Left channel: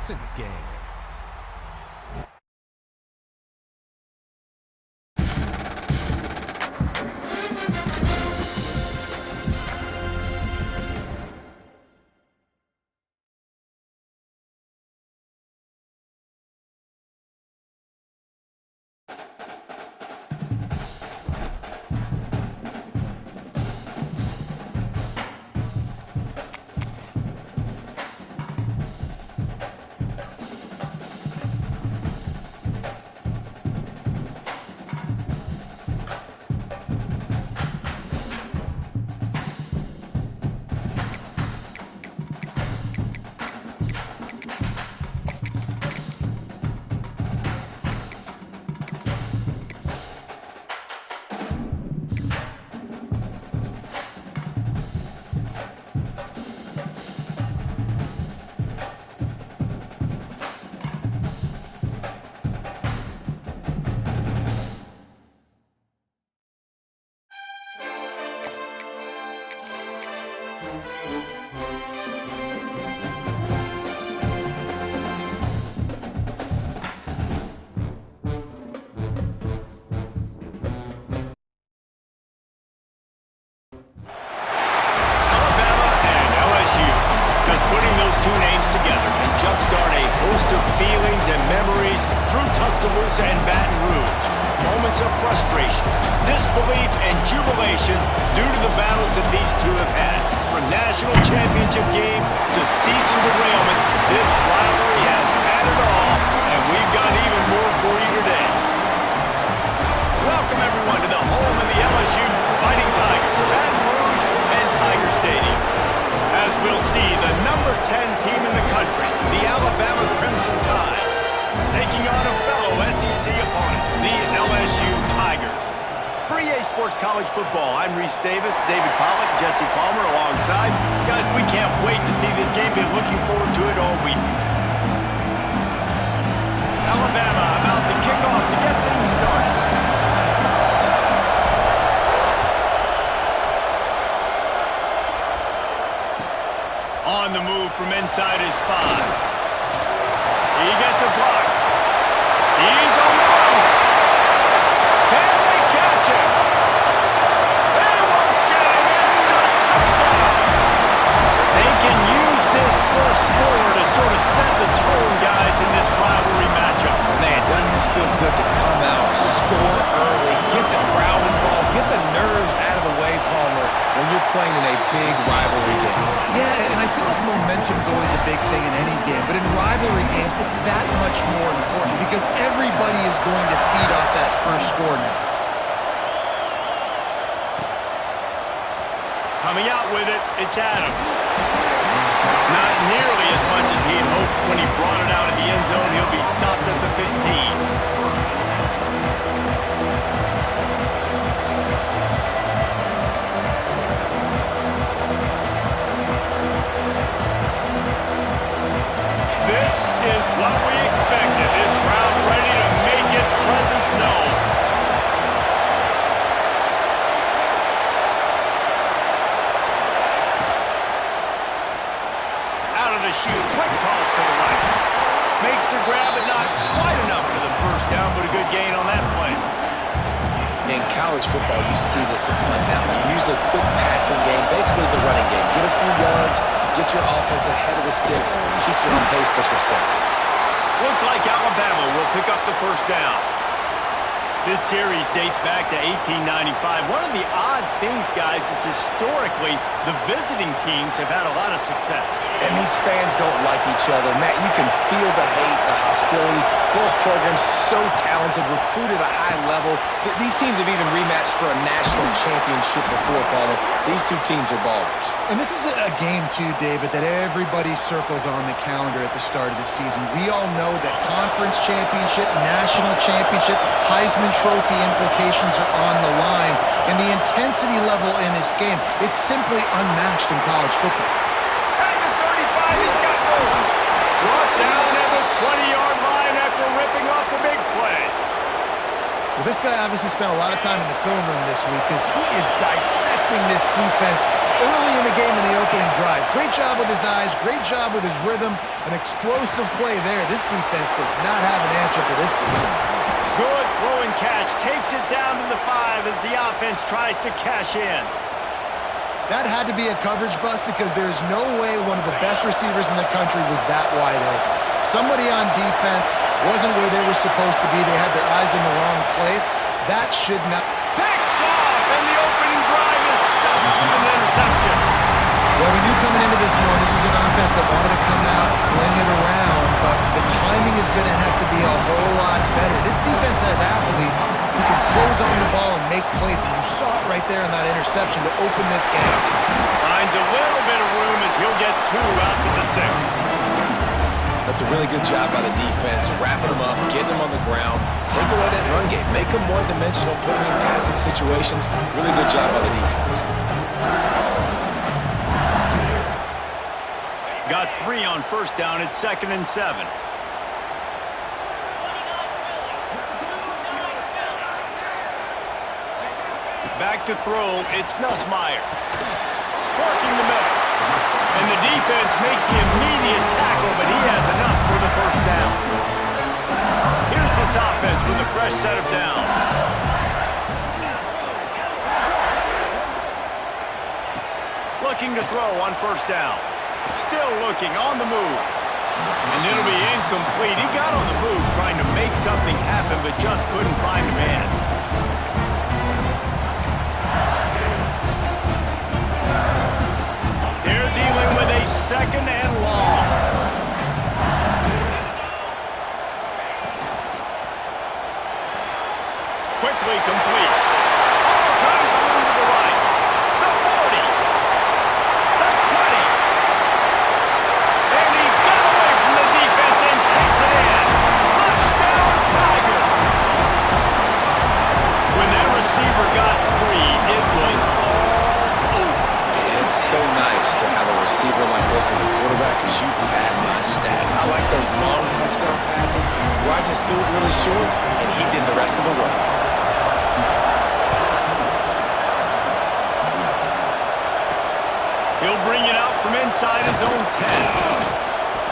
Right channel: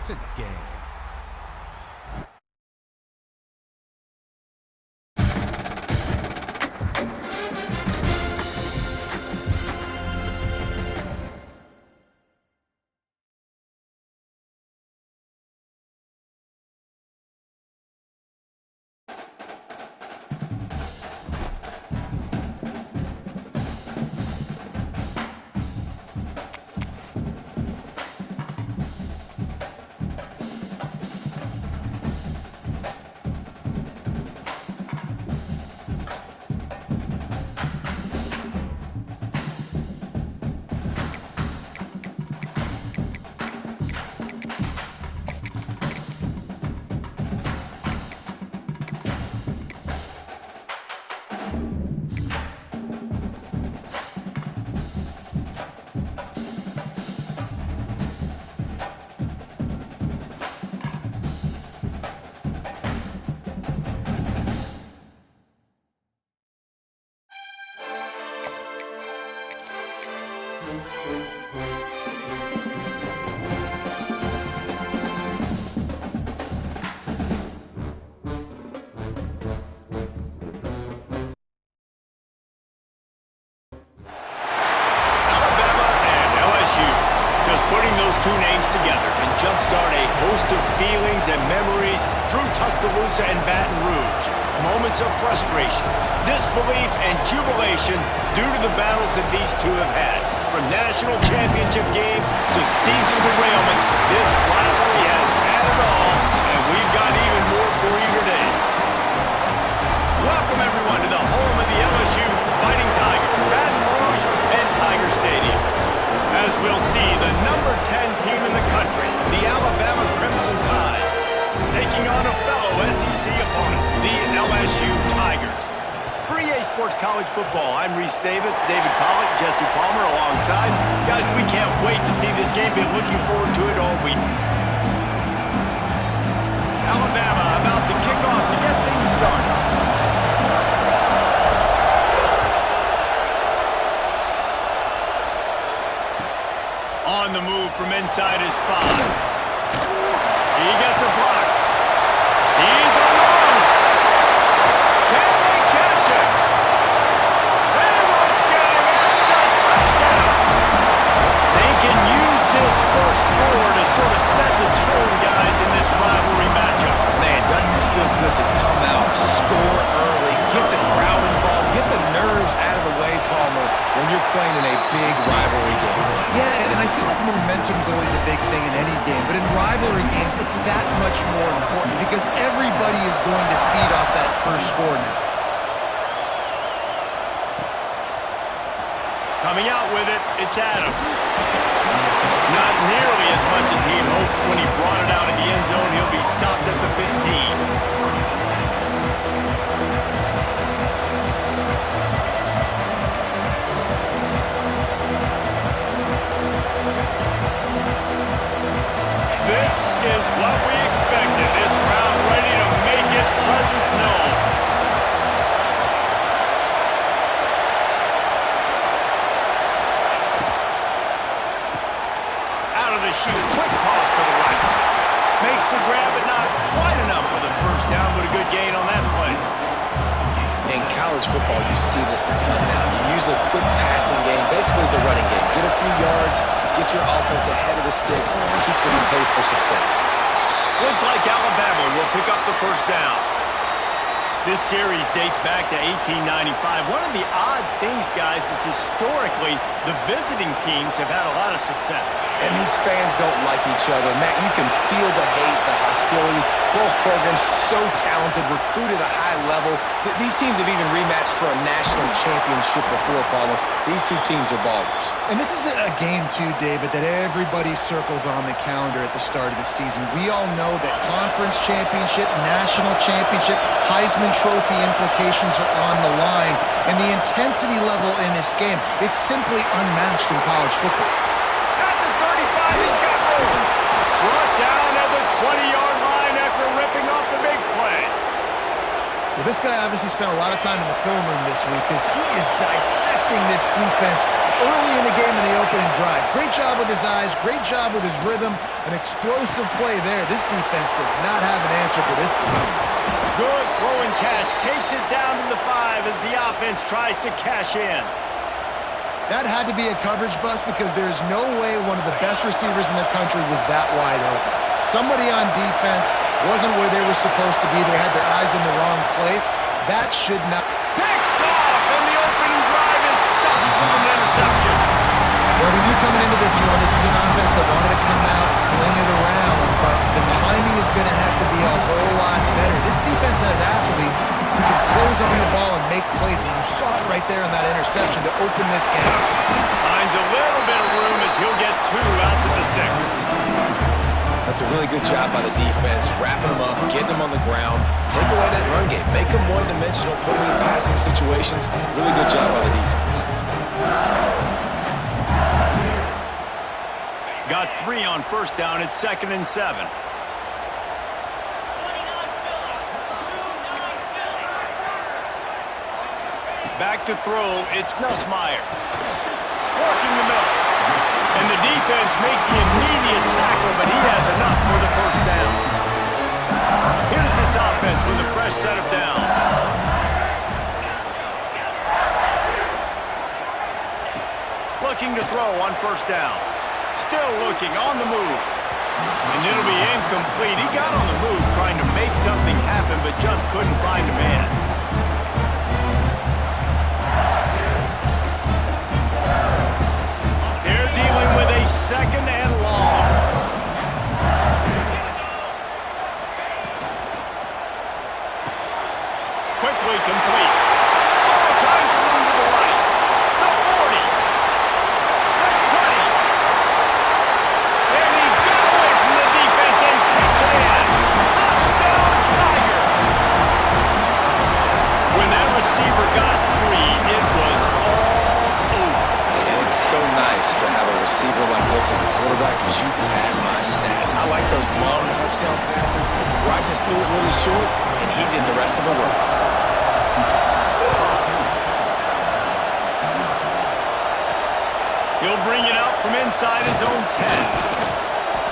It's in the game. Two names together can jumpstart a host of feelings and memories through Tuscaloosa and Baton Rouge. Moments of frustration, disbelief, and jubilation due to the battles that these two have had. From national championship games to season derailments, this rivalry has had it all, and we've got even more for you today. Welcome, everyone, to the home of the LSU Fighting Tigers, Baton Rouge and Tiger Stadium. As we'll see, the number 10 team in the country, the Alabama Crimson Tide, taking on a fellow SEC opponent, the LSU Tigers. For EA Sports College Football, I'm Reese Davis, David Pollack, Jesse Palmer alongside. Guys, we can't wait to see this game. Been looking forward to it all week. Alabama about to kick off to get things started. On the move from inside his 5. He gets a block. He's on the loose. Can they catch him? They won't get him. It's a touchdown. They can use this first score to sort of set the tone, guys, in this rivalry matchup. Man, doesn't this feel good to come out, score early, get the crowd involved, get the nerves out of the way, Palmer, when you're playing in a big rivalry game. Yeah, and I feel like momentum's always a big thing in any game, but in rivalry games, it's that much more important because everybody is going to feed off that first score now. Coming out with it, it's Adams. Not nearly as much as he had hoped when he brought it out of the end zone. He'll be stopped at the 15. This is what we expected. This crowd ready to make its presence known. Out of the chute, quick toss to the right. Makes the grab, but not quite enough for the first down, but a good gain on that play. In college football, you see this a ton now. You use a quick passing game, basically as the running game. Get a few yards, get your offense ahead of the sticks, keeps it on pace for success. Looks like Alabama will pick up the first down. This series dates back to 1895. One of the odd things, guys, is historically the visiting teams have had a lot of success. And these fans don't like each other. Matt, you can feel the hate, the hostility. Both programs so talented, recruited at a high level. These teams have even rematched for a national championship before, Palmer. These two teams are ballers. And this is a game, too, David, that everybody circles on the calendar at the start of the season. We all know that conference championship, national championship, Heisman Trophy implications are on the line. And the intensity level in this game, it's simply unmatched in college football. At the 35, he's got room. Brought down at the 20-yard line after ripping off the big play. Well, this guy obviously spent a lot of time in the film room this week because he is dissecting this defense early in the game in the opening drive. Great job with his eyes, great job with his rhythm, an explosive play there. This defense does not have an answer for this team. Good throw and catch, takes it down to the 5 as the offense tries to cash in. That had to be a coverage bust because there is no way one of the best receivers in the country was that wide open. Somebody on defense wasn't where they were supposed to be. They had their eyes in the wrong place. That should not... Picked off, and the opening drive is stopped with an interception. Well, we knew coming into this one, this was an offense that wanted to come out, sling it around, but the timing is going to have to be a whole lot better. This defense has athletes who can close on the ball and make plays, and you saw it right there in that interception to open this game. Finds a little bit of room as he'll get 2 out to the 6. That's a really good job by the defense, wrapping them up, getting them on the ground, take away that run game, make them one-dimensional, put them in passing situations. Really good job by the defense. Got 3 on first down at 2nd and 7. Back to throw, it's Nussmeier. Working the middle. And the defense makes the immediate tackle, but he has enough for the first down. Here's this offense with a fresh set of downs. Looking to throw on first down. Still looking on the move. And it'll be incomplete. He got on the move trying to make something happen, but just couldn't find a man. They're dealing with a 2nd and long. Quickly complete. All kinds of room to the right. The 40. The 20. And he got away from the defense and takes it in. Touchdown, Tiger. When that receiver got free, it was all over. And it's so nice to have a receiver like this as a quarterback because you pad my stats. I like those long touchdown passes where I just threw it really short and he did the rest of the work. He'll bring it out from inside his own 10.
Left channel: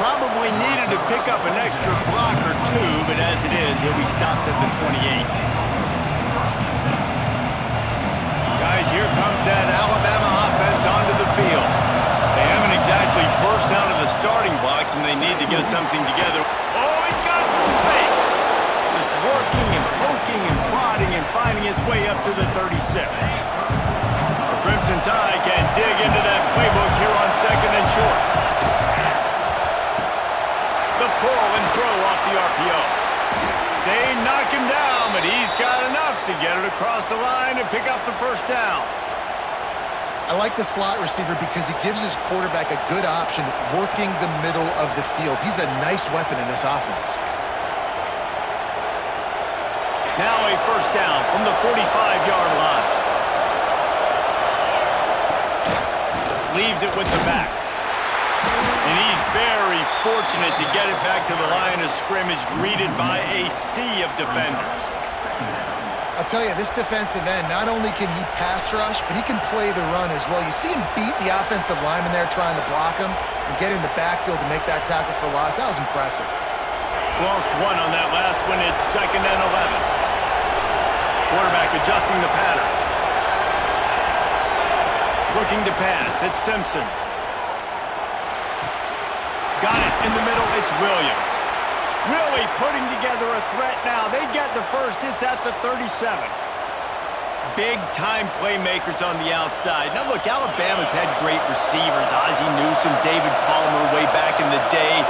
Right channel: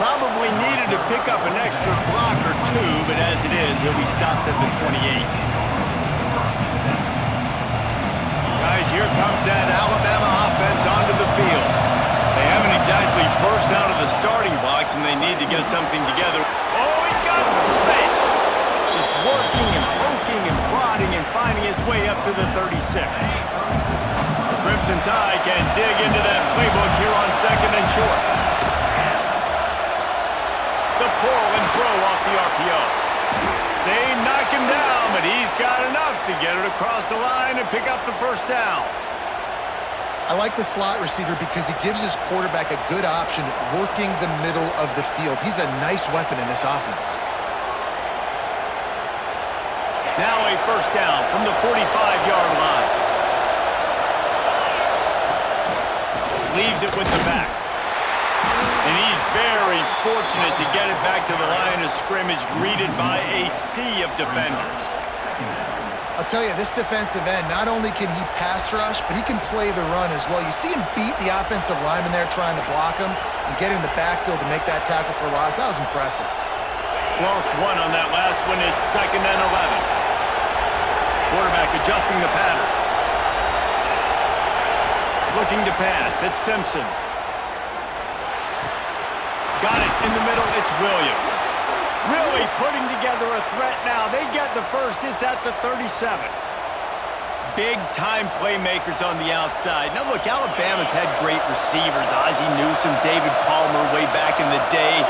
Probably needed to pick up an extra block or 2, but as it is, he'll be stopped at the 28. Guys, here comes that Alabama offense onto the field. They haven't exactly burst out of the starting blocks, and they need to get something together. Oh, he's got some space. Just working and poking and prodding and finding his way up to the 36. Crimson Tide can dig into that playbook here on 2nd and short. The pull and throw off the RPO. They knock him down, but he's got enough to get it across the line and pick up the first down. I like the slot receiver because he gives his quarterback a good option working the middle of the field. He's a nice weapon in this offense. Now a first down from the 45-yard line. Leaves it with the back. And he's very fortunate to get it back to the line of scrimmage, greeted by a sea of defenders. I'll tell you, this defensive end, not only can he pass rush, but he can play the run as well. You see him beat the offensive lineman there trying to block him and get in the backfield to make that tackle for loss. That was impressive. Lost 1 on that last one. It's 2nd and 11. Quarterback adjusting the pattern. Looking to pass, it's Simpson. Got it in the middle, it's Williams. Really putting together a threat now. They get the first, it's at the 37. Big-time playmakers on the outside. Now look, Alabama's had great receivers. Ozzie Newsome, David Palmer way back in the day.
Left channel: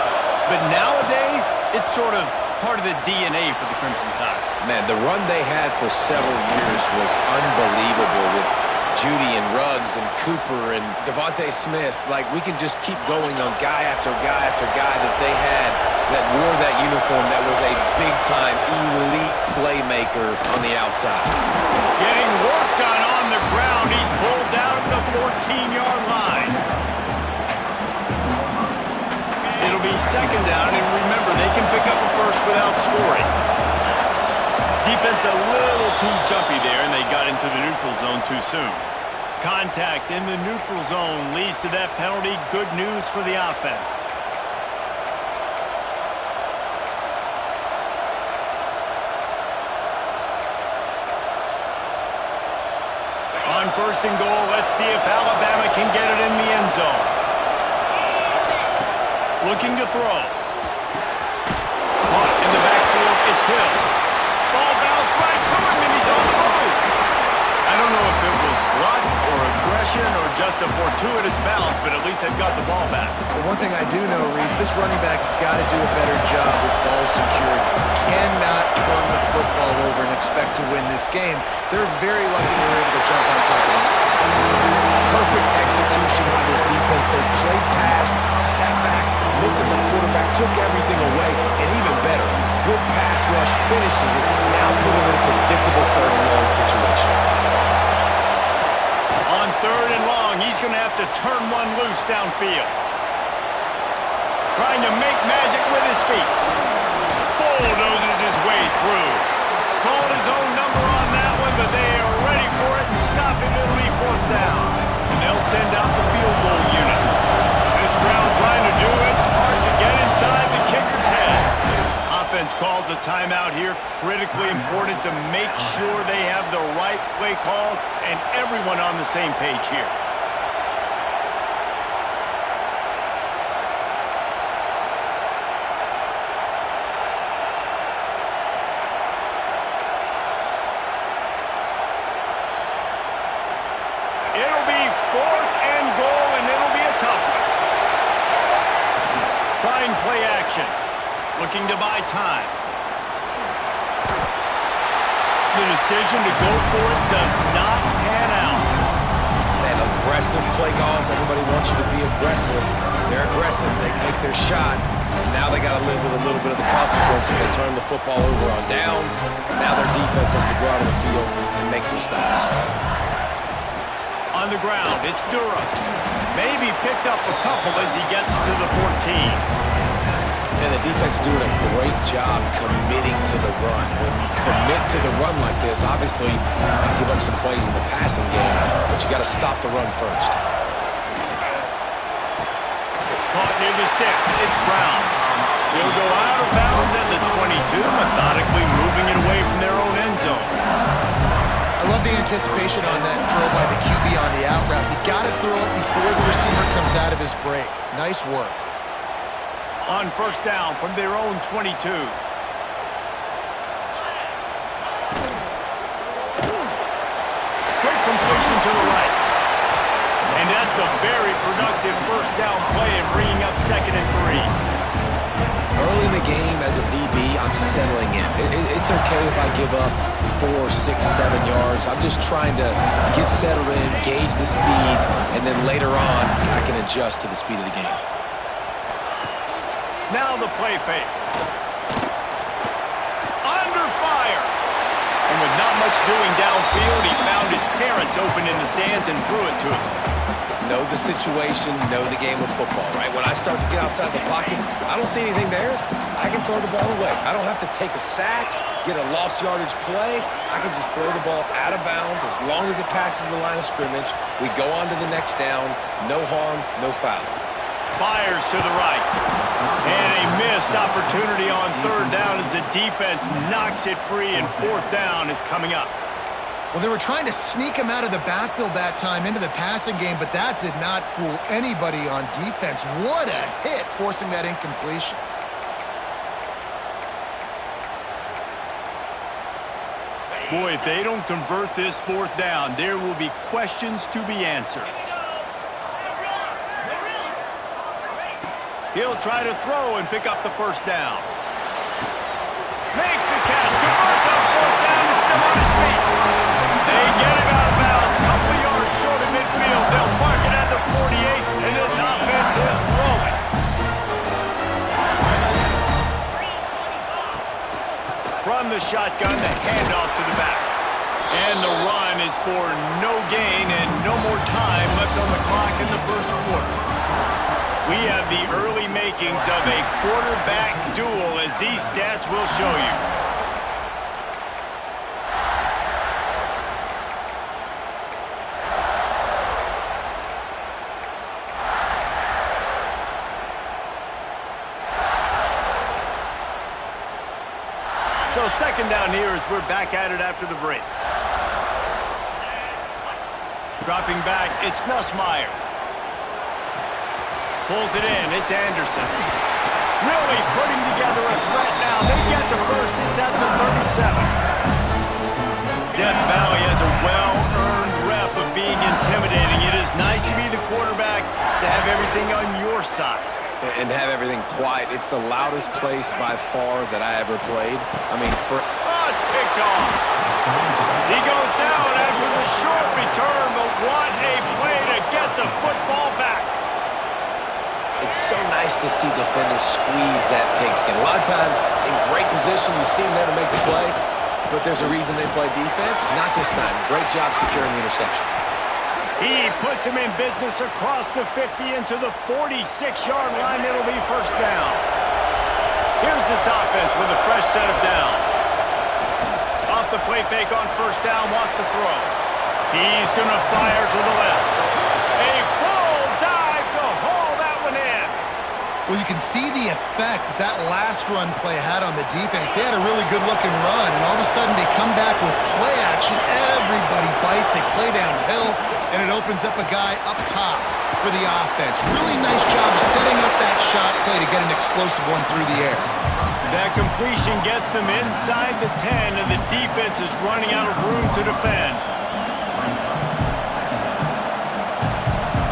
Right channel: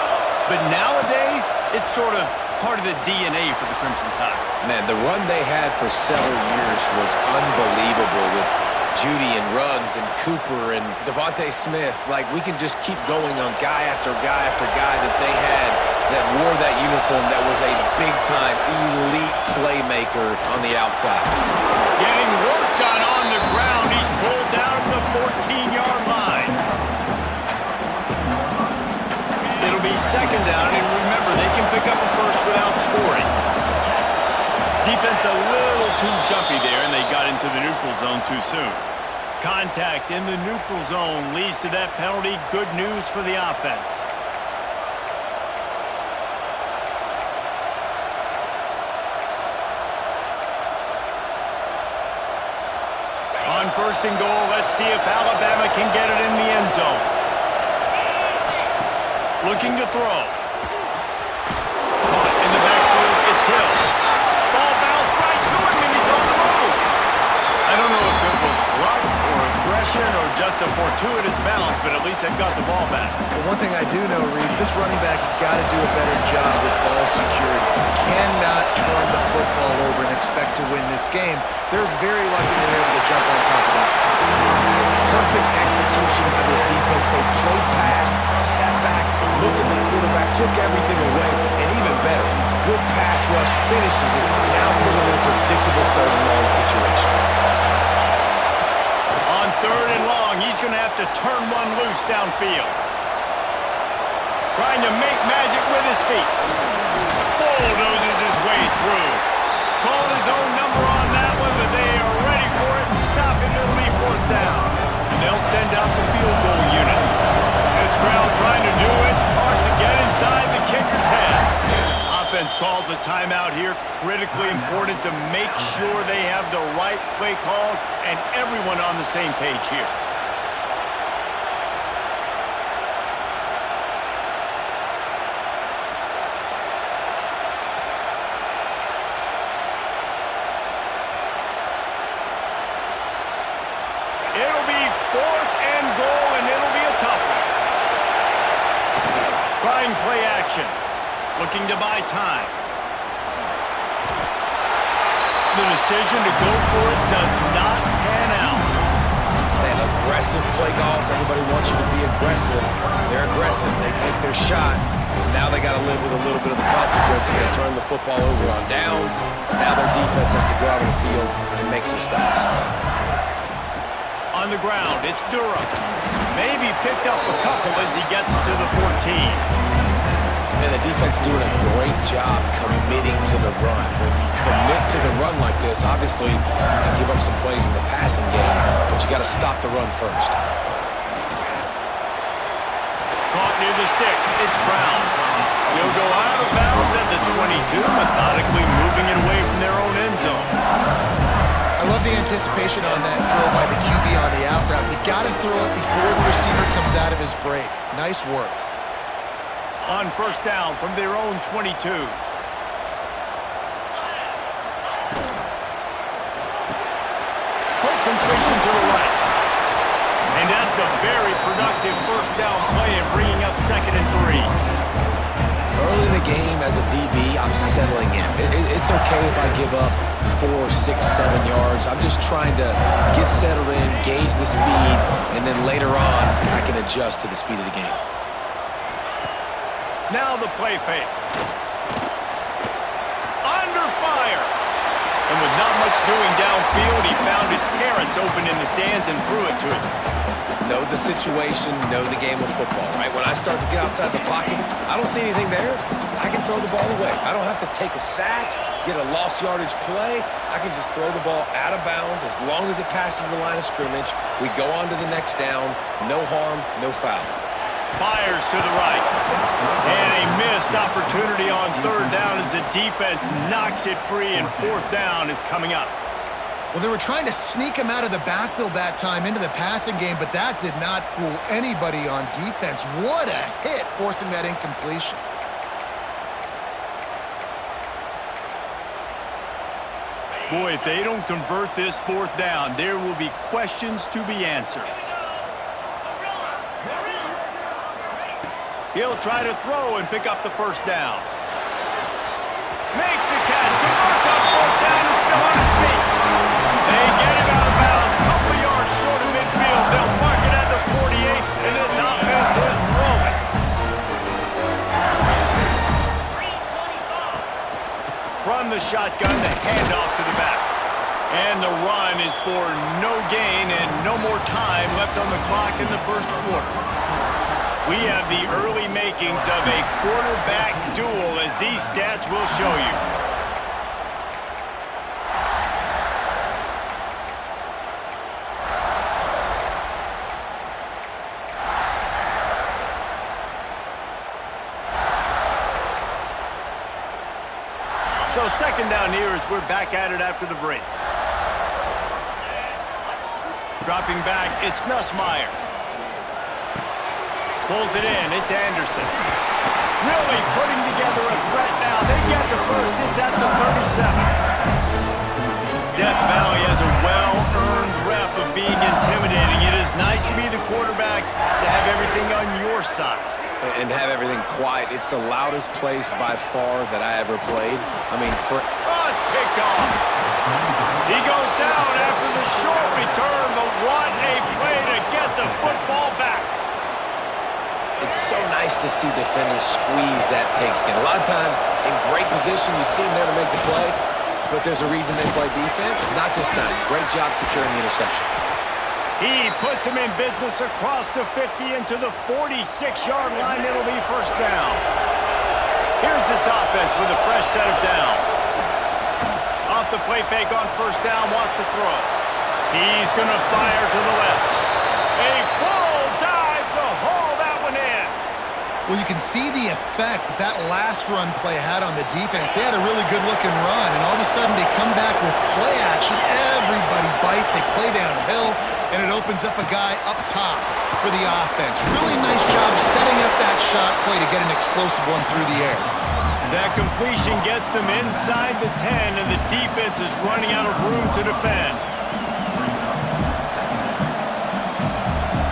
But nowadays, it's sort of part of the DNA for the Crimson Tide. Man, the run they had for several years was unbelievable with Judy and Ruggs and Cooper and Devontae Smith. Like, we can just keep going on guy after guy after guy that they had that wore that uniform that was a big-time elite playmaker on the outside. Getting work done on the ground. He's pulled down at the 14-yard line. It'll be 2nd down, and remember, they can pick up a first without scoring. Defense a little too jumpy there, and they got into the neutral zone too soon. Contact in the neutral zone leads to that penalty. Good news for the offense. On first and goal, let's see if Alabama can get it in the end zone. Looking to throw. Caught in the backfield, it's Hill. Ball bounced right to him, and he's on the move. I don't know if it was luck or aggression or just a fortuitous bounce, but at least they've got the ball back. Well, one thing I do know, Reese, this running back has got to do a better job with ball security. Cannot turn the football over and expect to win this game. They're very lucky they were able to jump on top of that. Perfect execution by this defense. They played pass, sat back, looked at the quarterback, took everything away, and even better, good pass rush, finishes it, now put him in a predictable third and long situation. On third and long, he's going to have to turn one loose downfield. Trying to make magic with his feet. Bulldozes his way through. Called his own number on that one, but they are ready for it and stop him. It'll be fourth down. And they'll send out the field goal unit. This crowd trying to do its part to get inside the kicker's head. Offense calls a timeout here. Critically important to make sure they have the right play called and everyone on the same page here. It'll be fourth and goal, and it'll be a tough one. Trying play action. Looking to buy time. The decision to go for it does not pan out. Man, aggressive play calls. Everybody wants you to be aggressive. They're aggressive. They take their shot. Now they got to live with a little bit of the consequences. They turn the football over on downs. Now their defense has to go out on the field and make some stops. On the ground, it's Durham. Maybe picked up a couple as he gets to the 14. And the defense doing a great job committing to the run. When you commit to the run like this, obviously you can give up some plays in the passing game, but you got to stop the run first. Caught near the sticks. It's Brown. He'll go out of bounds at the 22, methodically moving it away from their own end zone. I love the anticipation on that throw by the QB on the out route. You got to throw it before the receiver comes out of his break. Nice work. On first down from their own 22. Quick completion to the right. And that's a very productive first down play and bringing up 2nd and 3. Early in the game as a DB, I'm settling in. It's okay if I give up 4, 6, 7 yards. I'm just trying to get settled in, gauge the speed, and then later on, I can adjust to the speed of the game. Now the play fake. Under fire. And with not much doing downfield, he found his parents open in the stands and threw it to him. Know the situation, know the game of football, right? When I start to get outside the pocket, I don't see anything there, I can throw the ball away. I don't have to take a sack, get a lost yardage play. I can just throw the ball out of bounds as long as it passes the line of scrimmage. We go on to the next down. No harm, no foul. Fires to the right. And a missed opportunity on third down as the defense knocks it free, and fourth down is coming up. Well, they were trying to sneak him out of the backfield that time into the passing game, but that did not fool anybody on defense. What a hit, forcing that incompletion. Boy, if they don't convert this fourth down, there will be questions to be answered. He'll try to throw and pick up the first down. Makes the catch, converts on fourth down, is still on his feet. They get him out of bounds, couple of yards short of midfield. They'll mark it at the 48, and this offense is rolling. From the shotgun, the handoff to the back. And the run is for no gain and no more time left on the clock in the first quarter. We have the early makings of a quarterback duel, as these stats will show you. So second down here as we're back at it after the break. Dropping back, it's Nussmeier. Pulls it in, it's Anderson. Really putting together a threat now. They get the first, it's at the 37. Death Valley has a well-earned rep of being intimidating. It is nice to be the quarterback, to have everything on your side. And have everything quiet. It's the loudest place by far that I ever played. I mean, Oh, it's picked off. He goes down after the short return, but what a play to get the football back. It's so nice to see defenders squeeze that pigskin. A lot of times, in great position, you see them there to make the play, but there's a reason they play defense. Not this time. Great job securing the interception. He puts him in business across the 50 into the 46-yard line. It'll be first down. Here's this offense with a fresh set of downs. Off the play fake on first down, wants to throw. He's going to fire to the left. A full dive to haul that one in. Well, you can see the effect that last run play had on the defense. They had a really good-looking run, and all of a sudden they come back with play action. Everybody bites. They play downhill, and it opens up a guy up top for the offense. Really nice job setting up that shot play to get an explosive one through the air. That completion gets them inside the 10, and the defense is running out of room to defend.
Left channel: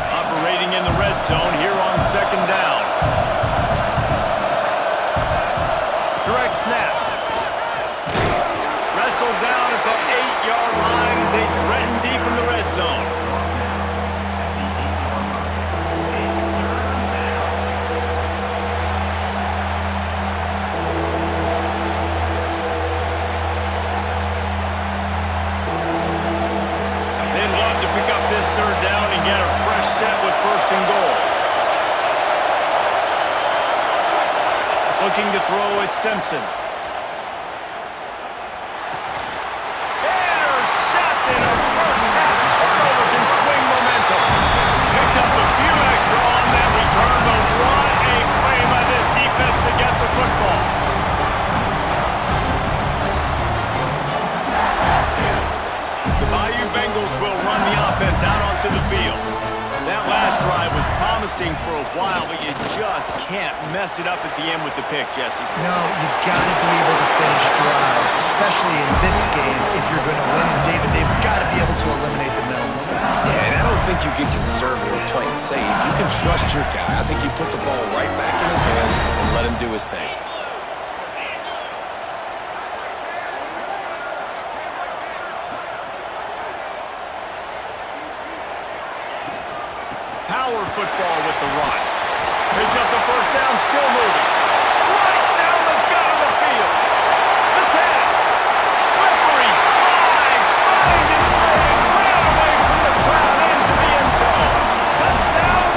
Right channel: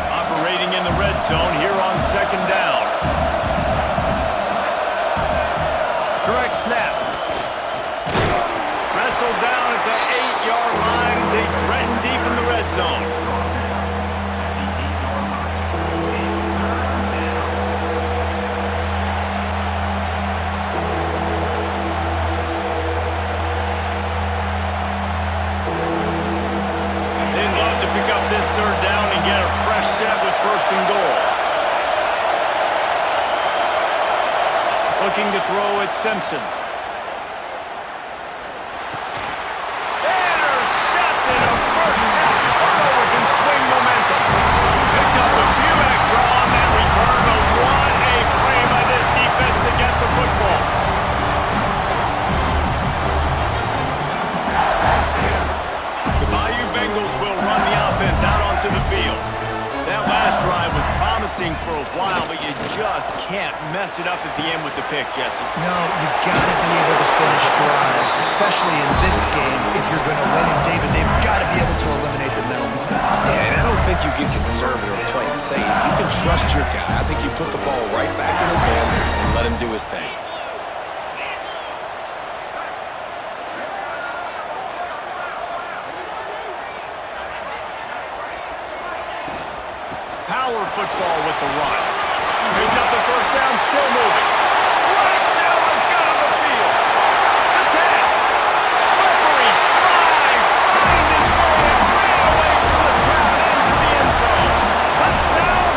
Operating in the red zone here on second down. Direct snap. Wrestled down at the 8-yard line as they threaten deep in the red zone. They'd love to pick up this third down and get a fresh set with first and goal. Looking to throw at Simpson. Intercepted. A first half turnover can swing momentum. Picked up a few extra on that return, but what a play by this defense to get the football. The Bayou Bengals will run the offense out onto the field. That last drive was promising for a while, but you just can't mess it up at the end with the pick, Jesse. No, you got to be able to finish drives, especially in this game if you're going to win. And, David, they've got to be able to eliminate the mental mistakes. Yeah, and I don't think you get conservative or play it safe. You can trust your guy. I think you put the ball right back in his hands and let him do his thing. Power football with the run. Picks up the first down, still moving. Right down the gut of the field. The 10. Slippery slide. Find his way and ran away from the crowd into the end zone. Touchdown.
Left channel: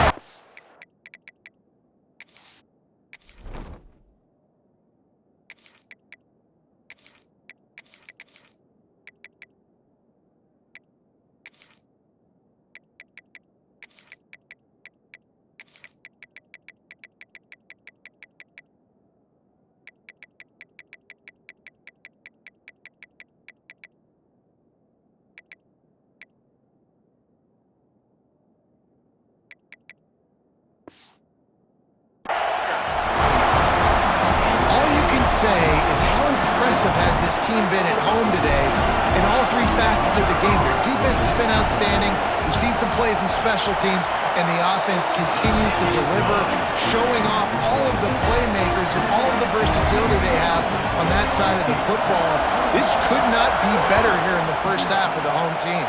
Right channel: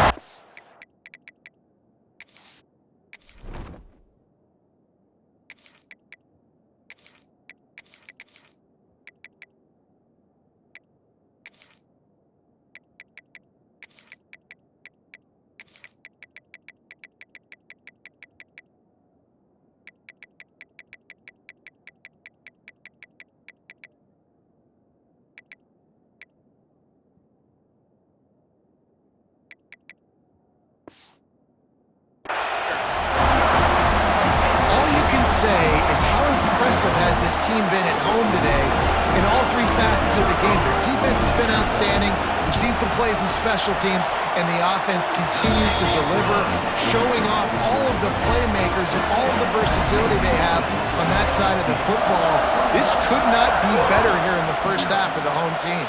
Say is how impressive has this team been at home today in all three facets of the game. Their defense has been outstanding. We've seen some plays in special teams, and the offense continues to deliver, showing off all of the playmakers and all of the versatility they have on that side of the football. This could not be better here in the first half for the home team.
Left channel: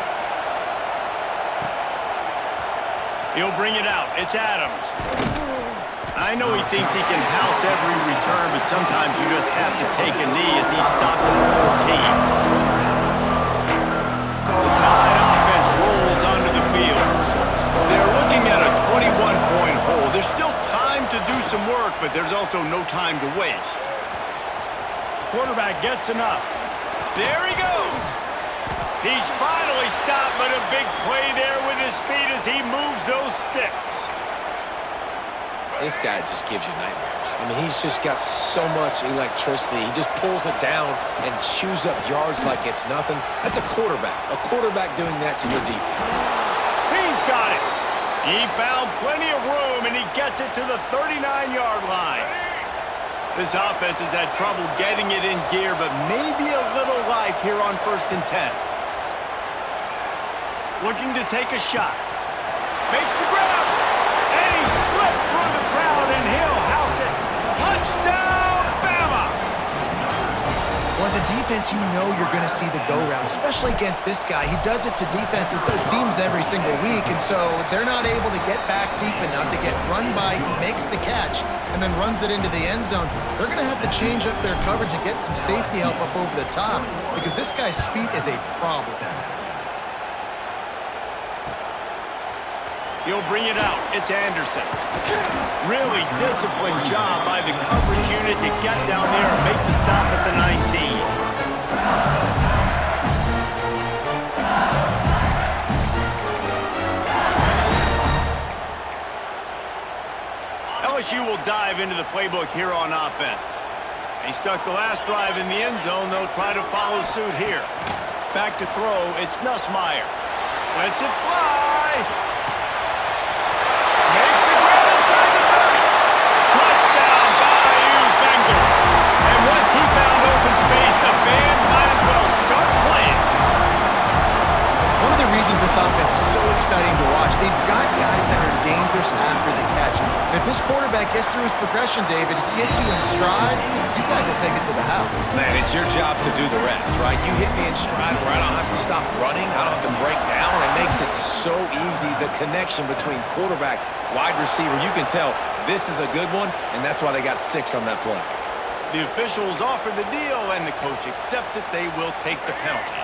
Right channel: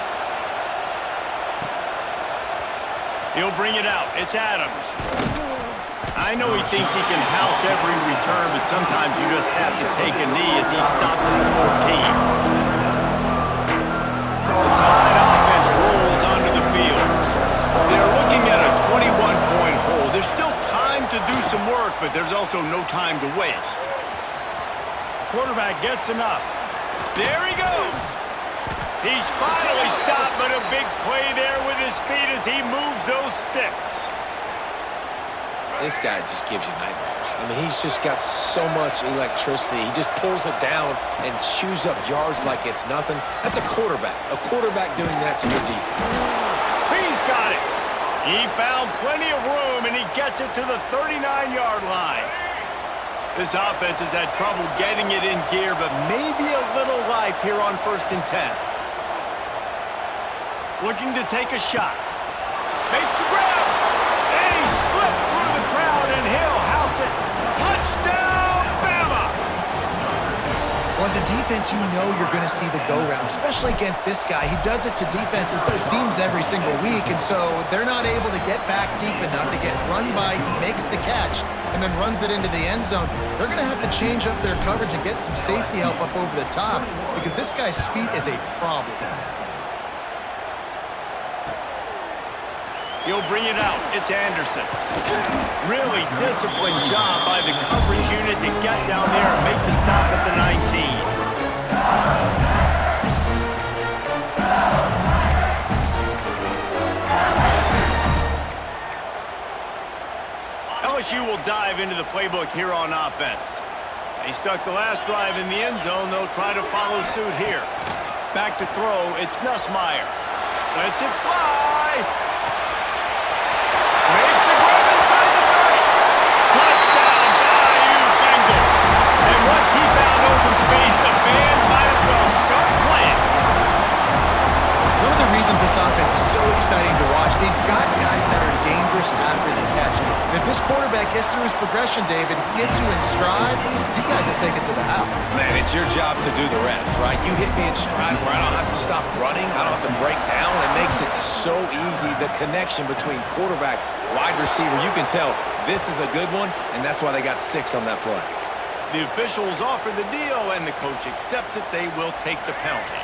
He'll bring it out. It's Adams. I know he thinks he can house every return, but sometimes you just have to take a knee as he's stopped at the 14. The Tide offense rolls onto the field. They're looking at a 21-point hole. There's still time to do some work, but there's also no time to waste. Quarterback gets enough. There he goes. He's finally stopped, but a big play there with his feet as he moves those sticks. This guy just gives you nightmares. I mean, he's just got so much electricity. He just pulls it down and chews up yards like it's nothing. That's a quarterback. A quarterback doing that to your defense. He's got it. He found plenty of room, and he gets it to the 39-yard line. This offense has had trouble getting it in gear, but maybe a little life here on 1st and 10. Looking to take a shot. Makes the grab. And he slipped through the crowd, and he'll house it. Touchdown, Bama! Well, as a defense, you know you're going to see the go-round, especially against this guy. He does it to defenses, it seems, every single week, and so they're not able to get back deep enough to get run by. He makes the catch and then runs it into the end zone. They're going to have to change up their coverage and get some safety help up over the top because this guy's speed is a problem. He'll bring it out. It's Anderson. Really disciplined job by the coverage unit to get down there and make the stop at the 19. LSU will dive into the playbook here on offense. He stuck the last drive in the end zone. They'll try to follow suit here. Back to throw. It's Nussmeier. Lets it fly. Makes the grab inside the 30. Touchdown, Bayou Bengals. And once he found open space, the band might as well start playing. One of the reasons this offense is so exciting to watch, they've got guys that are dangerous after the catch. And if this quarterback gets through his progression, David, he hits you in stride, these guys will take it to the house. Man, it's your job to do the rest, right? You hit me in stride where I don't have to stop running. I don't have to break down. It makes it so easy. The connection between quarterback, wide receiver, you can tell this is a good one, and that's why they got 6 on that play. The officials offer the deal, and the coach accepts it. They will take the penalty.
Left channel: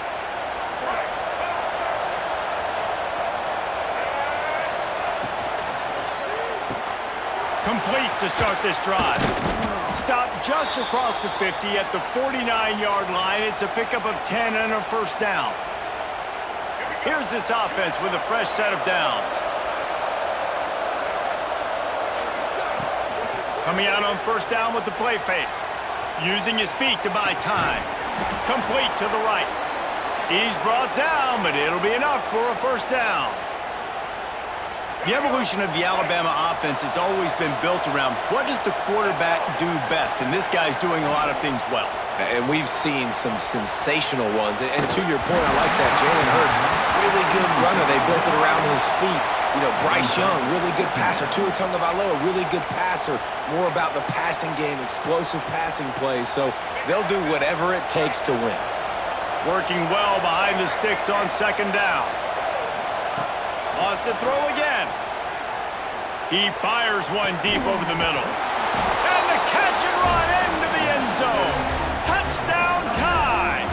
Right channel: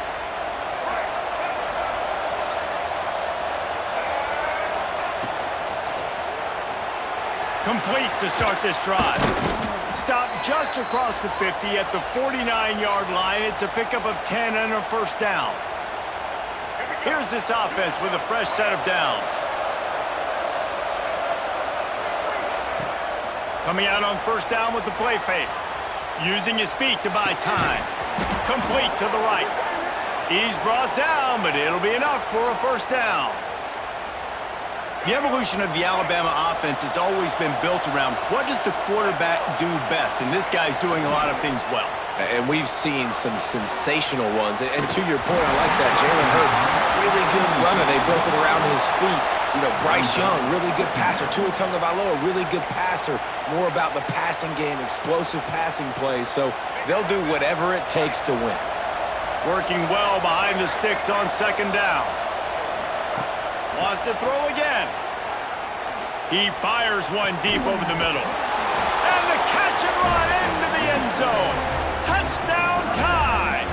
Complete to start this drive. Stop just across the 50 at the 49-yard line. It's a pickup of 10 and a first down. Here's this offense with a fresh set of downs. Coming out on first down with the play fake. Using his feet to buy time. Complete to the right. He's brought down, but it'll be enough for a first down. The evolution of the Alabama offense has always been built around what does the quarterback do best, and this guy's doing a lot of things well. And we've seen some sensational ones. And to your point, I like that. Jalen Hurts, really good runner. They built it around his feet. You know, Bryce Young, really good passer. Tua Tagovailoa, really good passer. More about the passing game, explosive passing plays. So they'll do whatever it takes to win. Working well behind the sticks on second down. Wants to throw again. He fires one deep over the middle. And the catch and run into the end zone. Touchdown tie.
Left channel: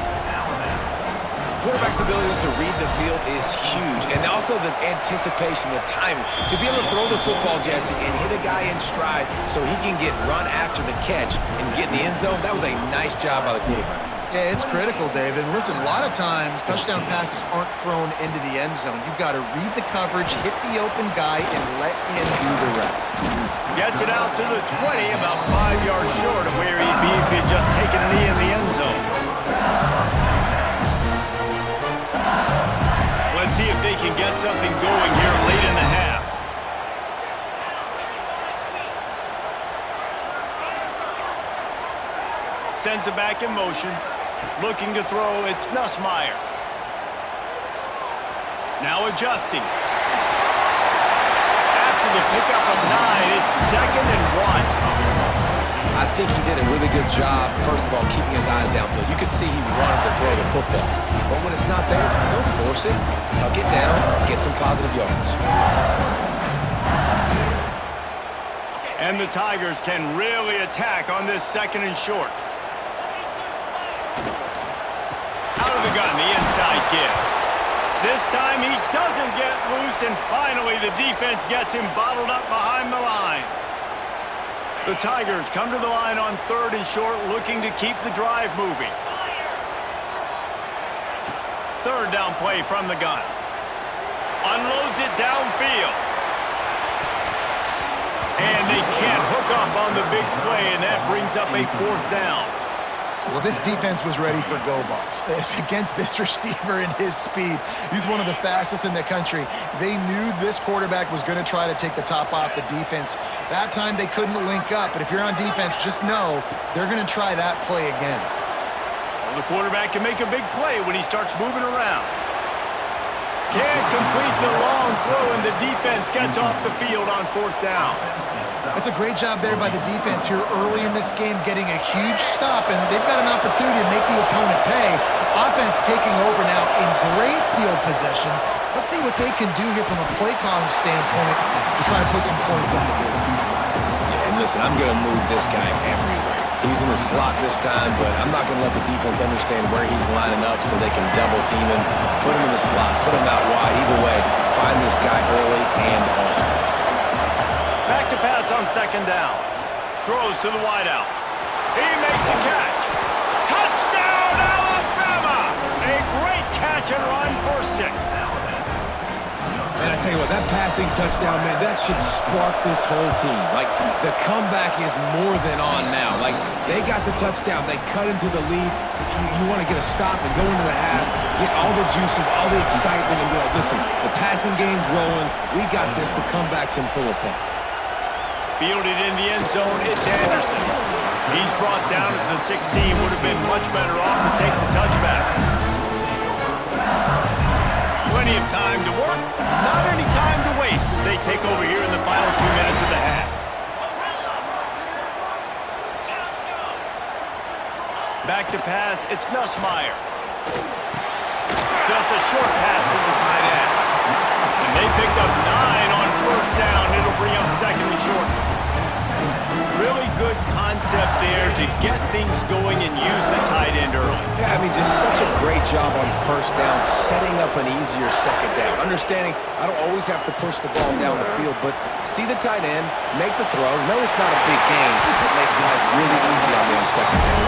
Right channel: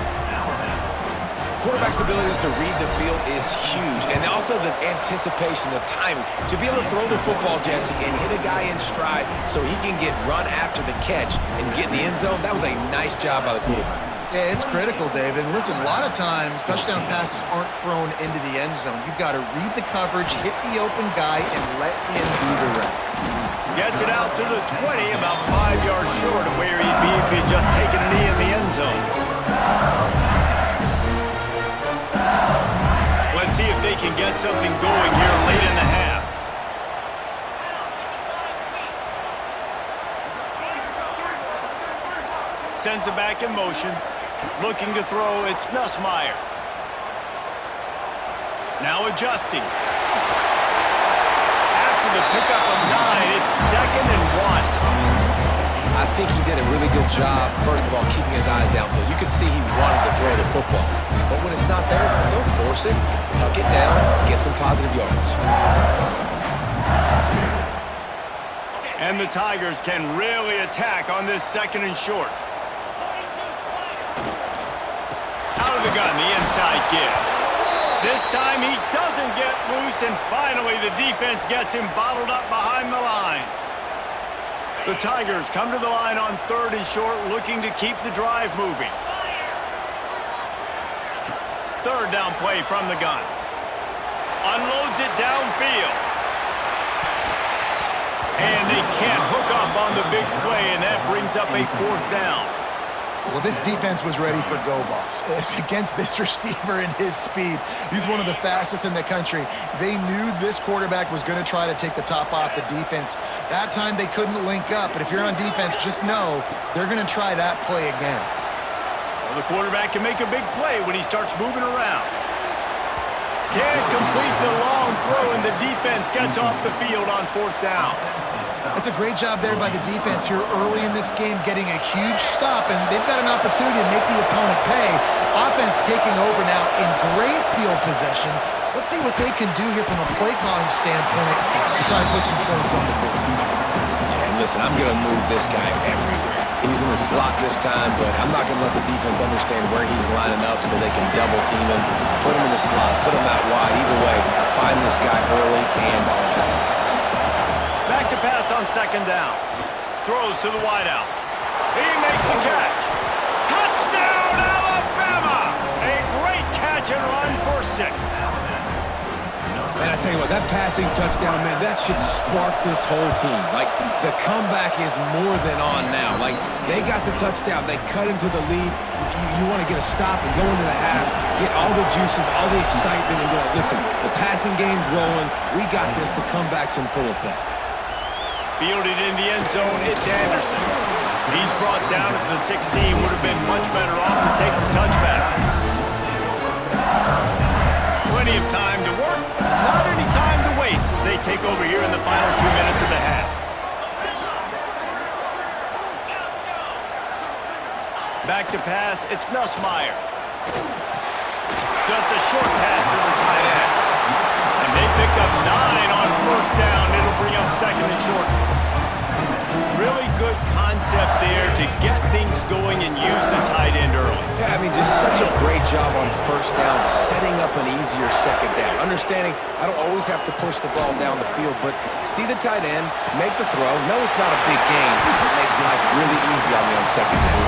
Quarterback's abilities to read the field is huge. And also the anticipation, the timing. To be able to throw the football, Jesse, and hit a guy in stride so he can get run after the catch and get in the end zone, that was a nice job by the quarterback. Yeah, it's critical, David. And listen, a lot of times touchdown passes aren't thrown into the end zone. You've got to read the coverage, hit the open guy, and let him do the rest. Gets it out to the 20, about 5 yards short of where he'd be if he had just taken a knee in the end zone. Let's see if they can get something going here late in the half. Sends it back in motion. Looking to throw, it's Nussmeier. Now adjusting. After the pickup of 9, it's 2nd and 1. I think he did a really good job, first of all, keeping his eyes downfield. You could see he wanted to throw the football. But when it's not there, don't force it. Tuck it down, get some positive yards. And the Tigers can really attack on this 2nd and short. Out of the gun, the inside give. This time he doesn't get loose, and finally the defense gets him bottled up behind the line. The Tigers come to the line on 3rd and short, looking to keep the drive moving. 3rd down play from the gun. Unloads it downfield. And they can't hook up on the big play, and that brings up a 4th down. Well, this defense was ready for go balls. Against this receiver and his speed, he's one of the fastest in the country. They knew this quarterback was going to try to take the top off the defense. That time they couldn't link up, but if you're on defense, just know they're going to try that play again. Well, the quarterback can make a big play when he starts moving around. Can't complete the long throw, and the defense gets off the field on 4th down. That's a great job there by the defense here early in this game, getting a huge stop, and they've got an opportunity to make the opponent pay. Offense taking over now in great field possession. Let's see what they can do here from a play calling standpoint to try and put some points on the board. Yeah, and listen, I'm going to move this guy everywhere. He's in the slot this time, but I'm not going to let the defense understand where he's lining up so they can double team him, put him in the slot, put him out wide. Either way, find this guy early and often. Back to pass on 2nd down. Throws to the wideout. He makes a catch. Touchdown, Alabama! A great catch and run for 6. And I tell you what, that passing touchdown, man, that should spark this whole team. Like, the comeback is more than on now. Like, they got the touchdown. They cut into the lead. You want to get a stop and go into the half, get all the juices, all the excitement, and be like, listen, the passing game's rolling. We got this. The comeback's in full effect. Fielded in the end zone, it's Anderson. He's brought down at the 16. Would have been much better off to take the touchback. Plenty of time to work, not any time to waste as they take over here in the final 2 minutes of the half. Back to pass, it's Nussmeier. Just a short pass to the tight end. And they picked up 9 on 1st down. It'll bring up 2nd and short. Really good concept there to get things going and use the tight end early. Yeah, I mean, just such a great job on 1st down, setting up an easier 2nd down. Understanding I don't always have to push the ball down the field, but see the tight end, make the throw. No, it's not a big gain. It makes life really easy on me on 2nd down.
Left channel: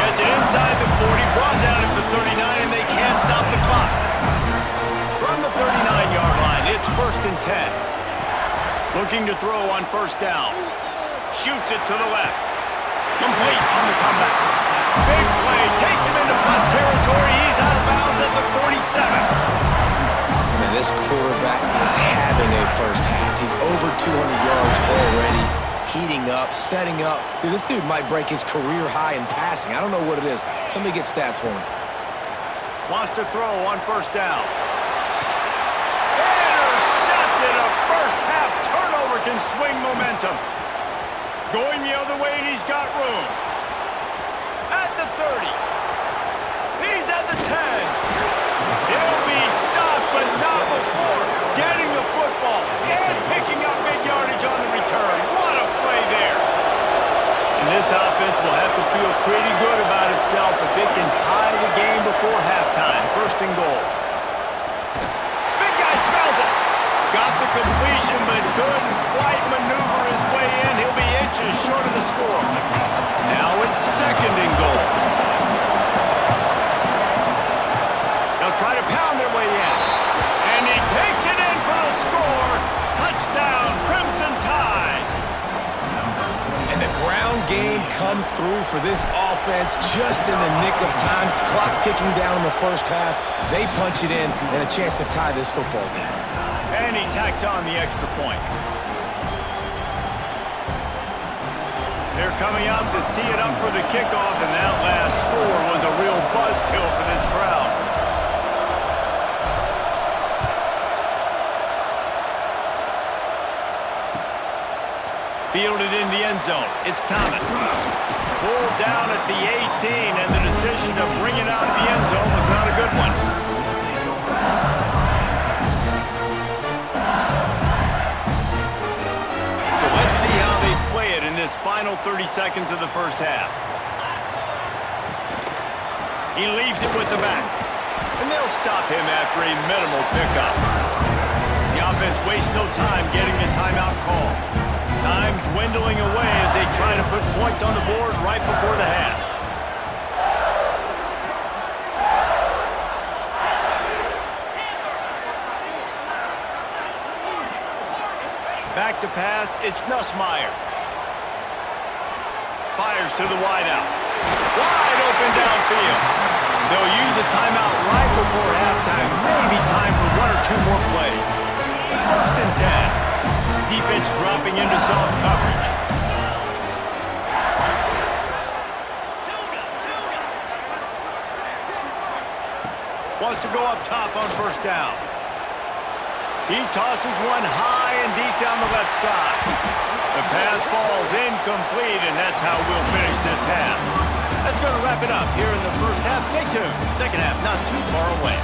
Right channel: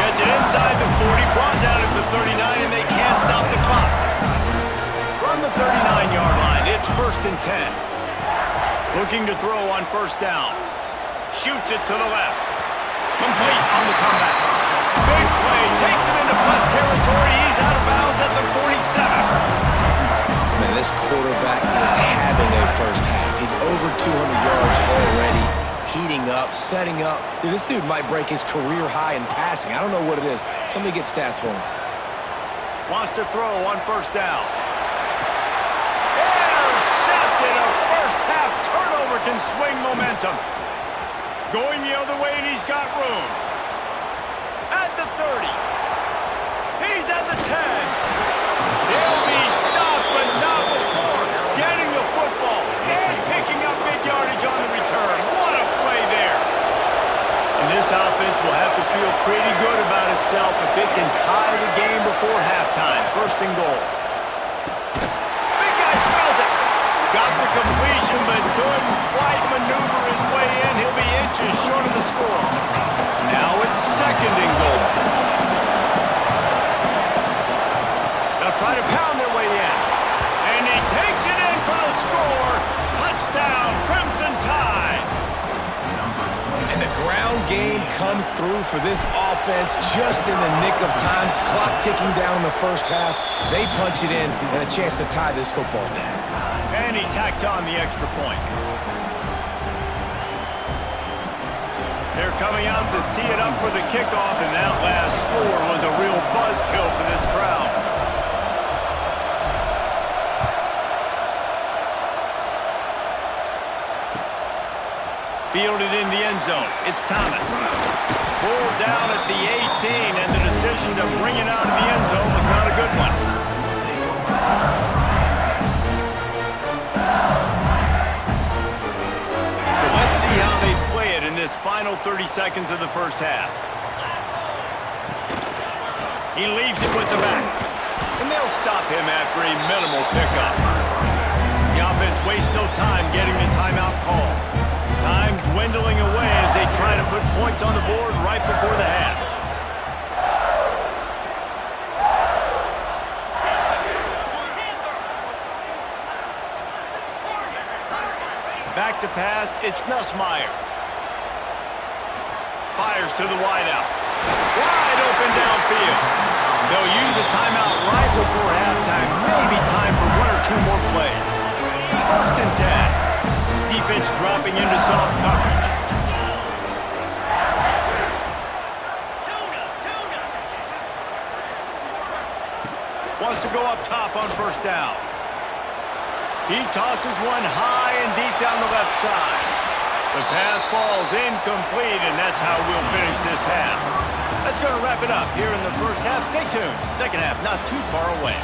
Gets it inside the 40, brought down at the 39, and they can't stop the clock. From the 39-yard line, it's 1st and 10. Looking to throw on 1st down. Shoots it to the left. Complete on the comeback. Big play, takes him into plus territory. He's out of bounds at the 47. Man, this quarterback is having a 1st half. He's over 200 yards already, heating up, setting up. Dude, this dude might break his career high in passing. I don't know what it is. Somebody get stats for me. Wants to throw on 1st down. Intercepted. A 1st half turnover can swing momentum. Going the other way, and he's got room. At the 30. He's at the 10. He'll be stopped, but not before getting the football and picking up big yardage on the return. What a play there. And this offense will have to feel pretty good about itself if it can tie the game before halftime. 1st and goal. Big guy smells it. Got the completion, but couldn't quite maneuver his way in. He'll be inches short of the score. Now it's 2nd and goal. They'll try to pound their way in. And he takes it in for the score. Touchdown, Crimson Tide. And the ground game comes through for this offense just in the nick of time. Clock ticking down in the 1st half. They punch it in and a chance to tie this football game. And he tacks on the extra point. They're coming out to tee it up for the kickoff, and that last score was a real buzzkill for this crowd. Fielded in the end zone. It's Thomas. Pulled down at the 18, and the decision to bring it out of the end zone was not a good one. So let's see how they play it in this final 30 seconds of the 1st half. He leaves it with the back, and they'll stop him after a minimal pickup. The offense wastes no time getting the timeout call. Time dwindling away as they try to put points on the board right before the half. Back to pass, it's Nussmeier. Fires to the wideout. Wide open downfield. They'll use a timeout right before halftime. Maybe time for 1 or 2 more plays. 1st and 10. Defense dropping into soft coverage. Wants to go up top on 1st down. He tosses one high and deep down the left side. The pass falls incomplete, and that's how we'll finish this half. That's going to wrap it up here in the first half. Stay tuned. Second half not too far away.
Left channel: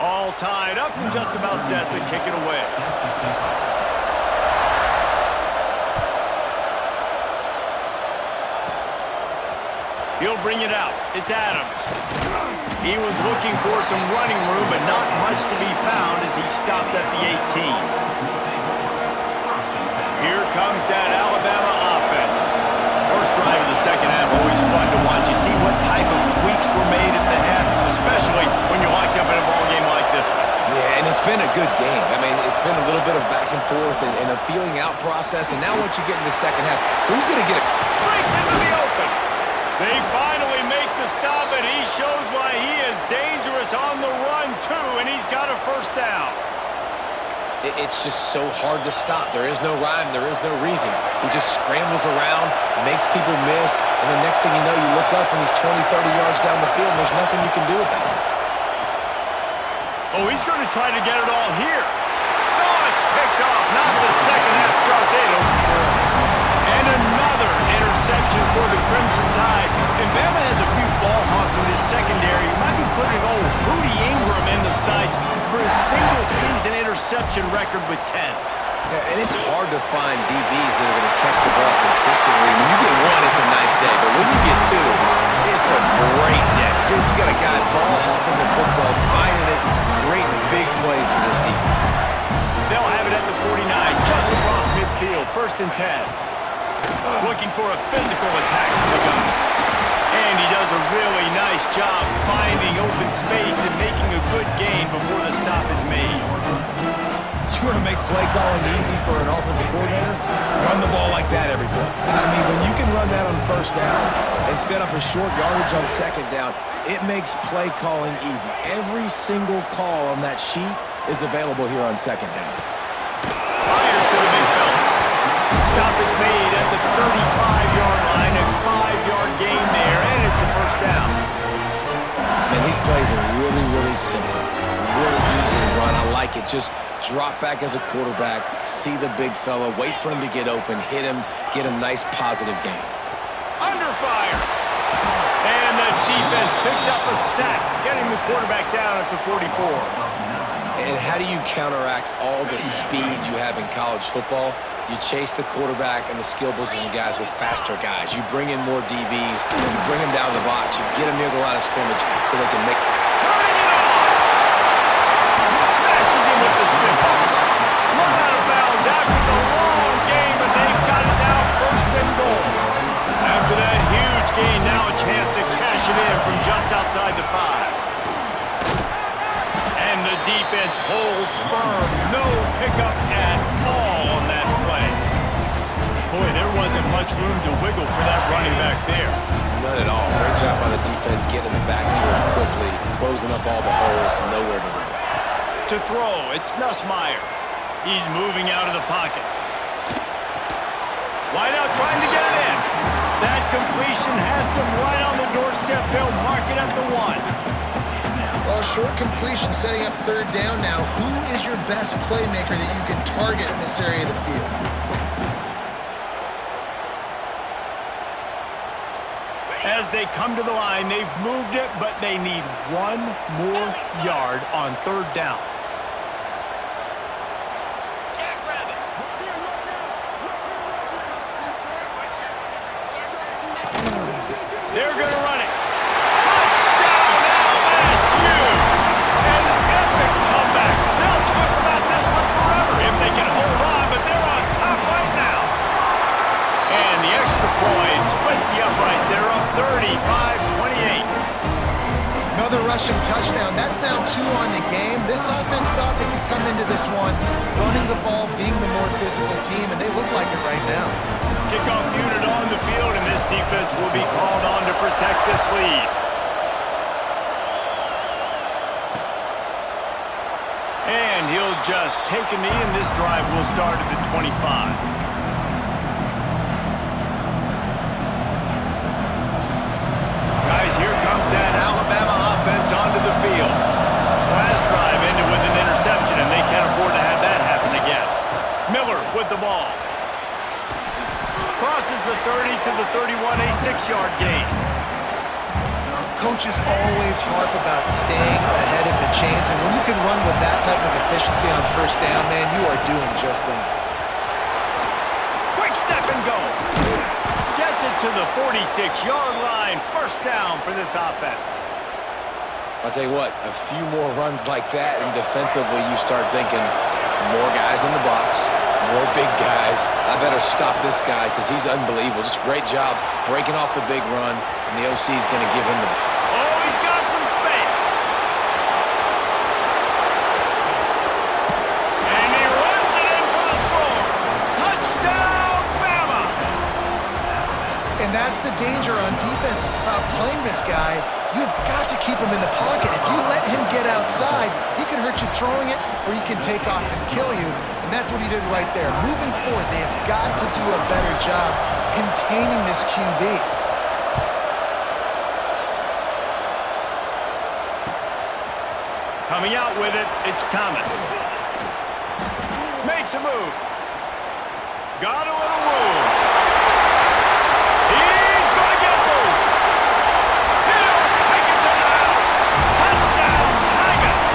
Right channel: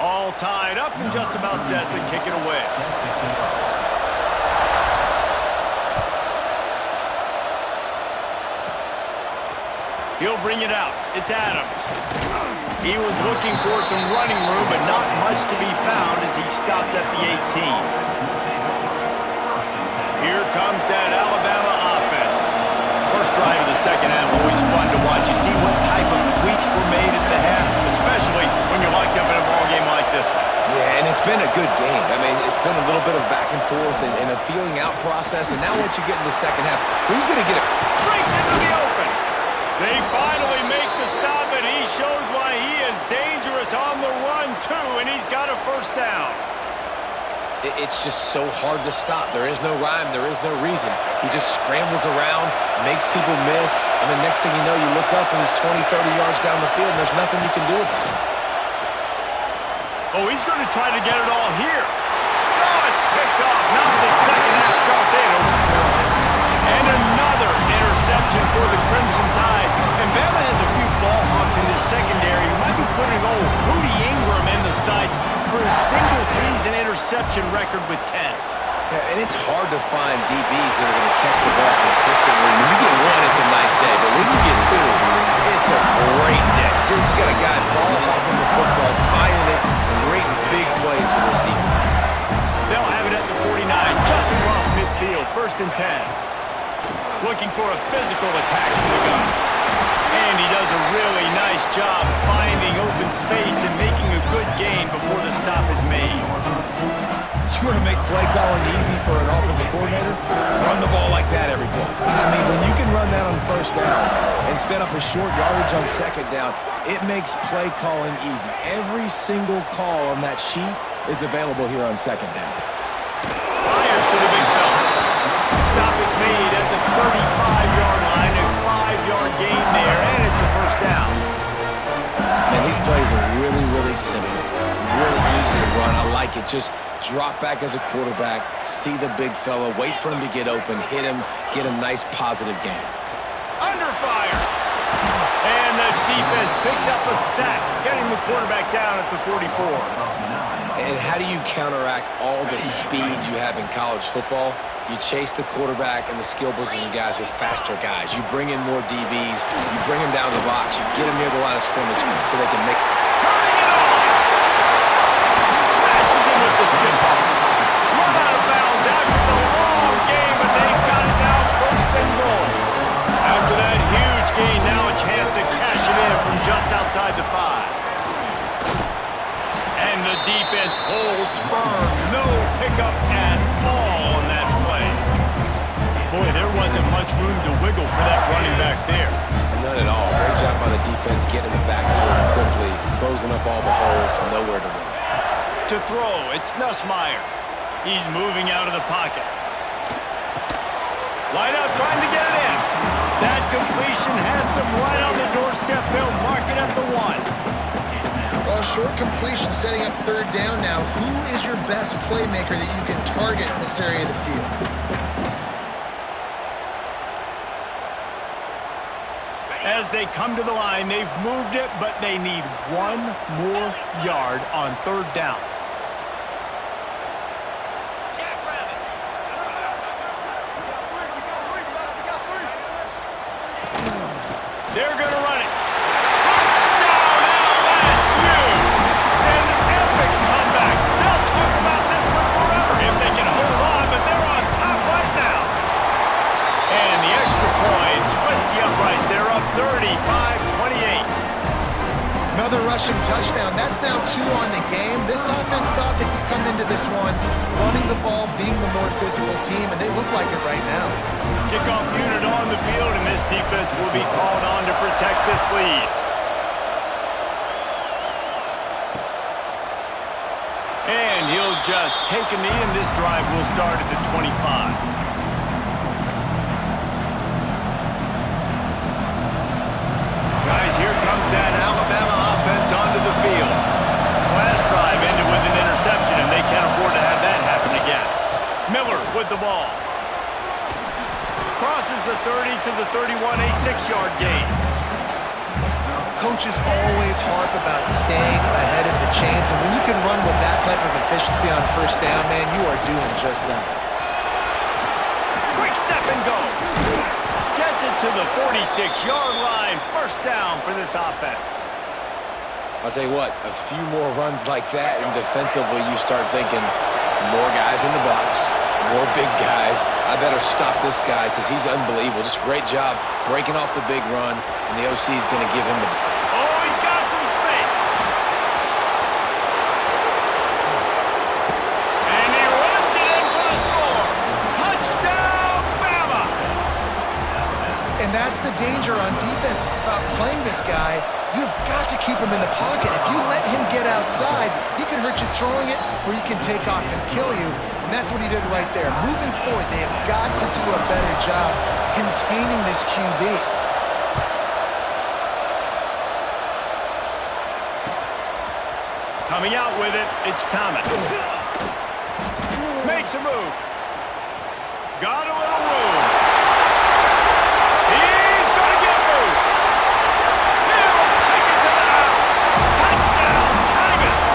All tied up and just about set to kick it away. He'll bring it out. It's Adams. He was looking for some running room, but not much to be found as he stopped at the 18. Here comes that Alabama offense. First drive of the second half, always fun to watch. You see what type of tweaks were made at the half, especially when you're locked up in a ball game like this one. Yeah, and it's been a good game. I mean, it's been a little bit of back and forth and a feeling out process, and now once you get in the second half, who's going to get it? Breaks into the open. They finally make the stop, and he shows why he is dangerous on the run, too, and he's got a 1st down. It's just so hard to stop. There is no rhyme. There is no reason. He just scrambles around, makes people miss, and the next thing you know, you look up and he's 20, 30 yards down the field, and there's nothing you can do about it. Oh, he's going to try to get it all here. Oh, it's picked off. Not the second half start they'd hoped for. And another interception for the Crimson Tide. And Bama has a few ball hawks in this secondary. You might be putting old Hootie Ingram in the sights for his single-season interception record with 10. Yeah, and it's hard to find DBs that are going to catch the ball consistently. When you get one, it's a nice day. But when you get two, it's a great day. You got a guy ball hawking the football, finding it, creating big plays for this defense. They'll have it at the 49, just across midfield, 1st and 10. Looking for a physical attack from the gun. And he does a really nice job finding open space and making a good gain before the stop is made. You want to make play calling easy for an offensive coordinator? Run the ball like that every play. I mean, when you can run that on 1st down and set up a short yardage on 2nd down, it makes play calling easy. Every single call on that sheet is available here on 2nd down. Fires to the big fella. Stop is made at the 35-yard line, a 5-yard gain there, and it's a 1st down. Man, these plays are really, really simple. Really easy to run. I like it. Just drop back as a quarterback, see the big fella, wait for him to get open, hit him, get a nice positive gain. Under fire. And the defense picks up a sack, getting the quarterback down at the 44. And how do you counteract all the speed you have in college football? You chase the quarterback and the skill position guys with faster guys. You bring in more DBs. You bring them down the box. You get them near the line of scrimmage so they can make... Turning it on! Smashes him with the stiff arm. Run out of bounds after the long game, but they've got it now 1st and goal. After that huge gain, now a chance to cash it in from just outside the 5. And the defense holds firm. No pickup at all on that play. Boy, there wasn't much room to wiggle for that running back there. None at all. Great job by the defense getting in the backfield quickly, closing up all the holes, nowhere to run. To throw, it's Nussmeier. He's moving out of the pocket. Wide out trying to get it in. That completion has them right on the doorstep. They'll mark it at the 1. Well, short completion setting up 3rd down now. Who is your best playmaker that you can target in this area of the field? As they come to the line, they've moved it, but they need 1 more yard on 3rd down. They're going to run it. Touchdown, LSU! An epic comeback. They'll talk about this one forever if they can hold on, but they're on top right now. And the extra point splits the uprights. They're up 35-28. Another rushing touchdown. That's now 2 on the game. This offense thought they could come into this one running the ball, being the more physical team, and they look like it right now. Kickoff unit on the field, and this defense will be called on to protect this lead. And he'll just take a knee, and this drive will start at the 25. Guys, here comes that Alabama offense onto the field. Last drive ended with an interception, and they can't afford to have that happen again. Miller with the ball. Crosses the 30 to the 31, a 6-yard gain. Coaches always harp about staying ahead of the chains, and when you can run with that type of efficiency on first down, man, you are doing just that. Quick step and go. Gets it to the 46-yard line. First down for this offense. I'll tell you what, a few more runs like that, and defensively you start thinking more guys in the box, more big guys. I better stop this guy because he's unbelievable. Just a great job breaking off the big run, and the OC is going to give him the... Oh, he's got some space. And he runs it in for the score. Touchdown, Bama! And that's the danger on defense about playing this guy. You've got to keep him in the pocket. If you let him get outside, he can hurt you throwing it, or he can take off and kill you. And that's what he did right there. Moving forward, they have got to do a better job containing this QB. Coming out with it, it's Thomas. Makes a move. Got a little room. He's going to get loose. He'll take it to the house. Touchdown, Tigers.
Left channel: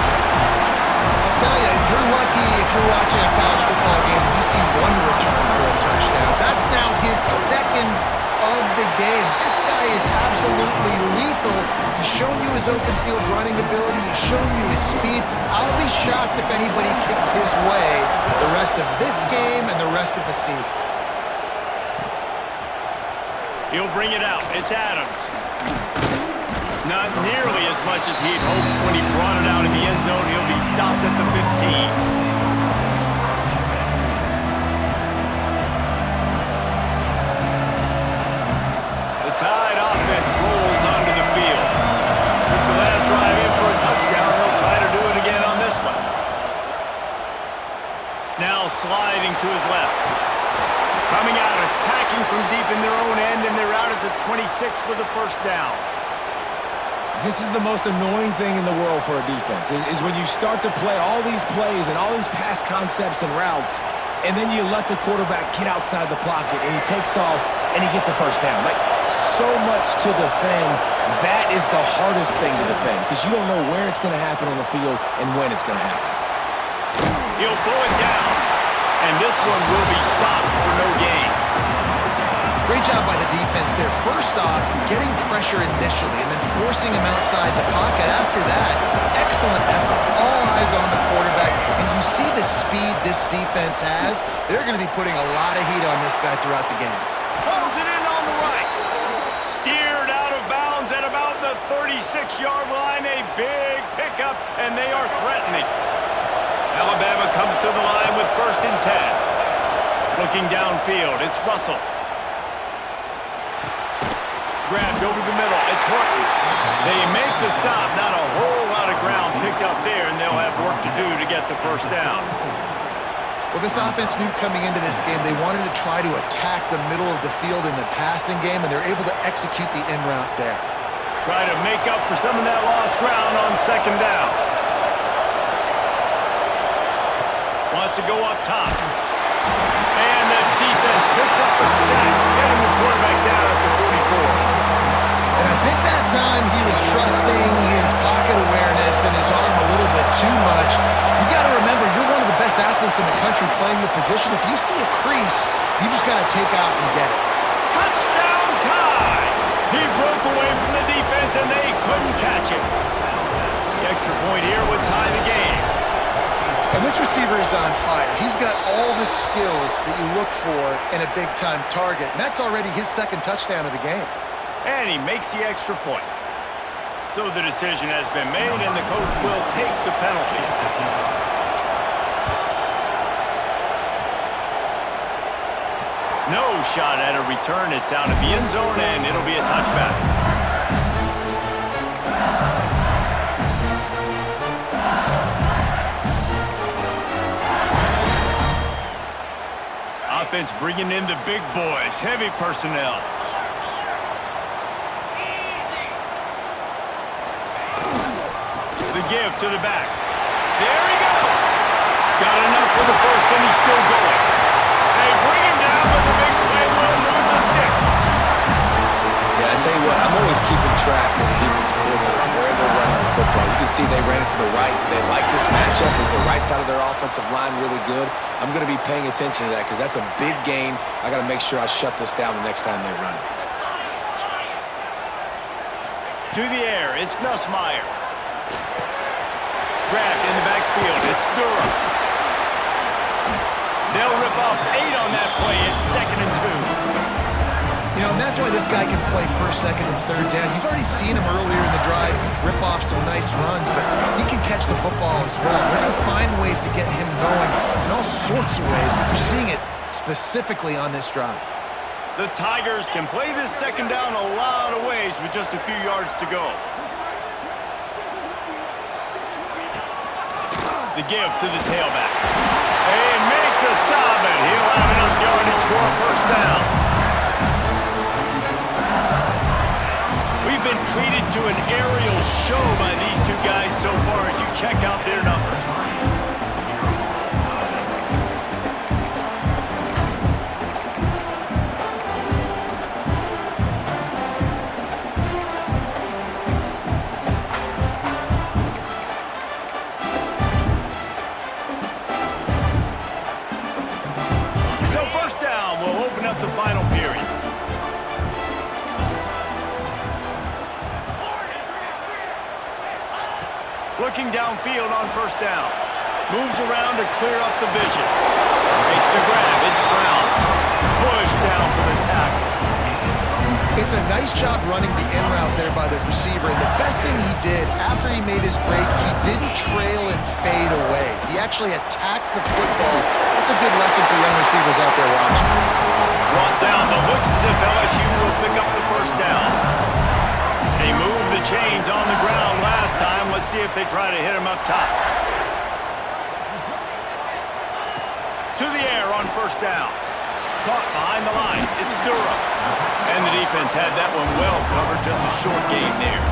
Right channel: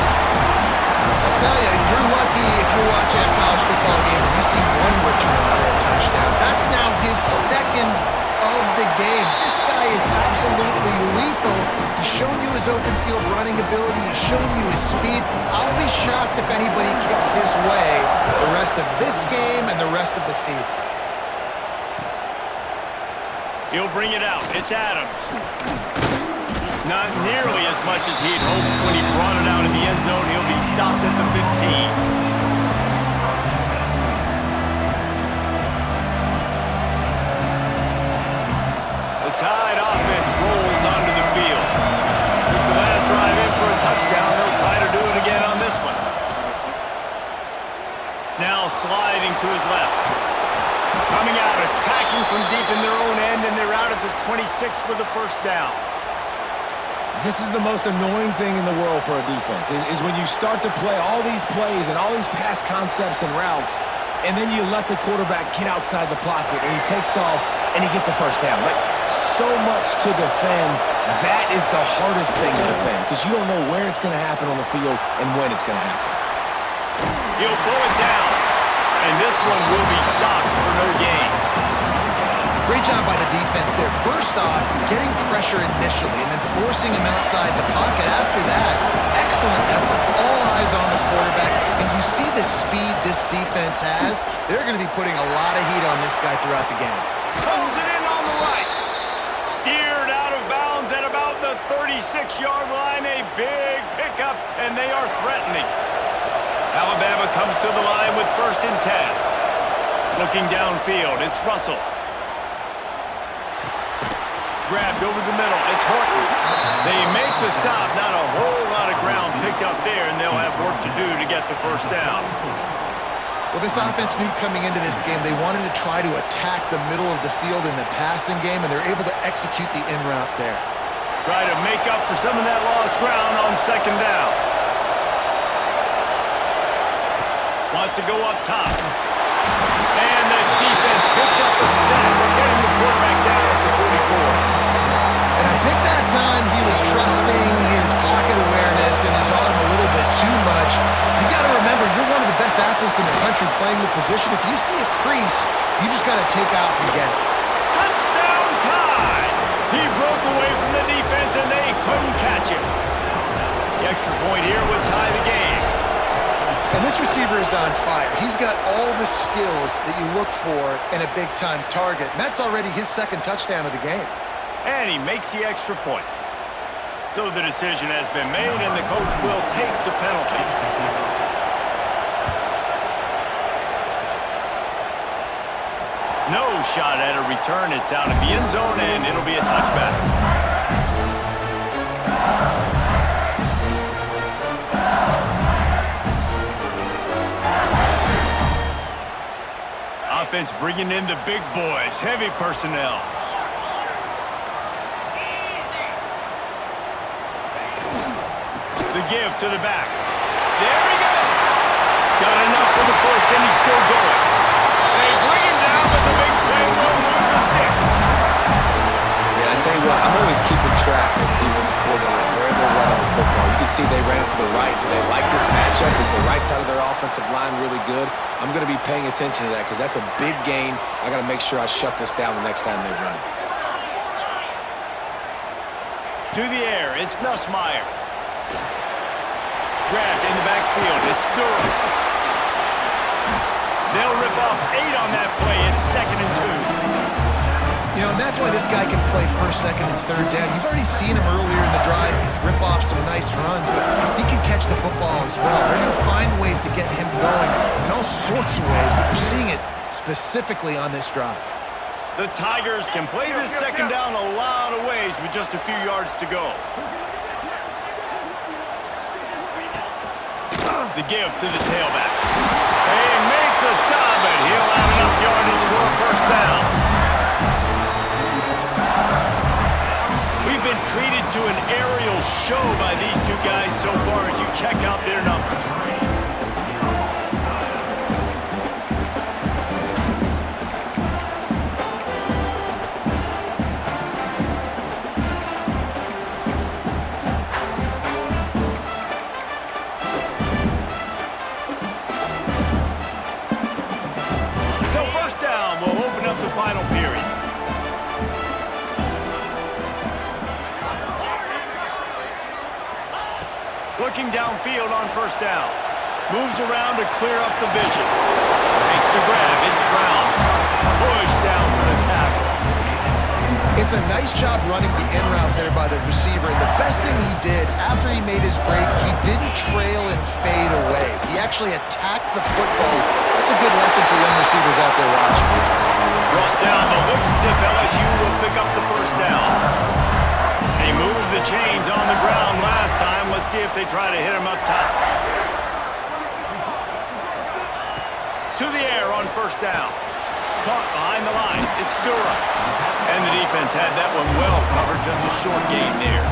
I'll tell you, you're lucky if you're watching a college football game and you see one return for a touchdown. That's now his second of the game. This guy is absolutely lethal. He's shown you his open field running ability. He's shown you his speed. I'll be shocked if anybody kicks his way the rest of this game and the rest of the season. He'll bring it out. It's Adams. Not nearly as much as he'd hoped when he brought it out in the end zone. He'll be stopped at the 15. Tide offense rolls onto the field. Took the last drive in for a touchdown. They'll try to do it again on this one. Now sliding to his left. Coming out, attacking from deep in their own end, and they're out at the 26 with the first down. This is the most annoying thing in the world for a defense, is when you start to play all these plays and all these pass concepts and routes, and then you let the quarterback get outside the pocket, and he takes off, and he gets a first down. Like, so much to defend. That is the hardest thing to defend because you don't know where it's going to happen on the field and when it's going to happen. He'll pull it down, and this one will be stopped for no gain. Great job by the defense there. First off, getting pressure initially and then forcing him outside the pocket. After that, excellent effort. All eyes on the quarterback, and you see the speed this defense has. They're going to be putting a lot of heat on this guy throughout the game. Pulls it in on the right. Steered out of bounds at about the 36-yard line. A big pickup, and they are threatening. Alabama comes to the line with 1st and 10. Looking downfield, it's Russell. Grabbed over the middle, it's Horton. They make the stop, not a whole lot of ground picked up there, and they'll have work to do to get the first down. Well, this offense knew coming into this game they wanted to try to attack the middle of the field in the passing game, and they're able to execute the in route there. Try to make up for some of that lost ground on 2nd down. Wants to go up top. And the defense picks up a sack, getting the quarterback down at the 44. And I think that time he was trusting his pocket awareness and his arm a little bit too much. You've got to remember, you're one of the best athletes in the country playing the position. If you see a crease, you just got to take off and get it. Touchdown, Tide! He broke away from the defense, and they couldn't catch him. The extra point here would tie the game. And this receiver is on fire. He's got all the skills that you look for in a big-time target, and that's already his 2nd touchdown of the game. And he makes the extra point. So the decision has been made, and the coach will take the penalty. No shot at a return. It's out of the end zone, and it'll be a touchback. Offense bringing in the big boys, heavy personnel. The give to the back. There he goes. Got enough for the first, and he's still going. They bring him down, but the big play will move the sticks. Yeah, I tell you what, I'm always keeping track as a defensive coordinator of where they're running the football. You can see they ran it to the right. Do they like this matchup? Is the right side of their offensive line really good? I'm going to be paying attention to that because that's a big gain. I got to make sure I shut this down the next time they run it. To the air, it's Nussmeier. Grabbed in the backfield, it's Durham. They'll rip off 8 on that play. It's 2nd and 2. You know, and that's why this guy can play first, second, and third down. You've already seen him earlier in the drive rip off some nice runs, but he can catch the football as well. They're going to find ways to get him going in all sorts of ways, but you're seeing it specifically on this drive. The Tigers can play this second down a lot of ways with just a few yards to go. The give to the tailback. They make the stop, and he'll have enough yardage for a first down. We've been treated to an aerial show by these two guys so far as you check out their numbers. So first down will open up the final period. Looking downfield on first down. Moves around to clear up the vision. Makes the grab. It's Brown. Push down for the tackle. It's a nice job running the in route there by the receiver, and the best thing he did after he made his break, he didn't trail and fade away. He actually attacked the football. That's a good lesson for young receivers out there watching. Brought down, but looks as if LSU will pick up the first down. They moved the chains on the ground last time. Let's see if they try to hit him up top. To the air on first down. Caught behind the line. It's Durham. And the defense had that one well covered. Just a short gain there.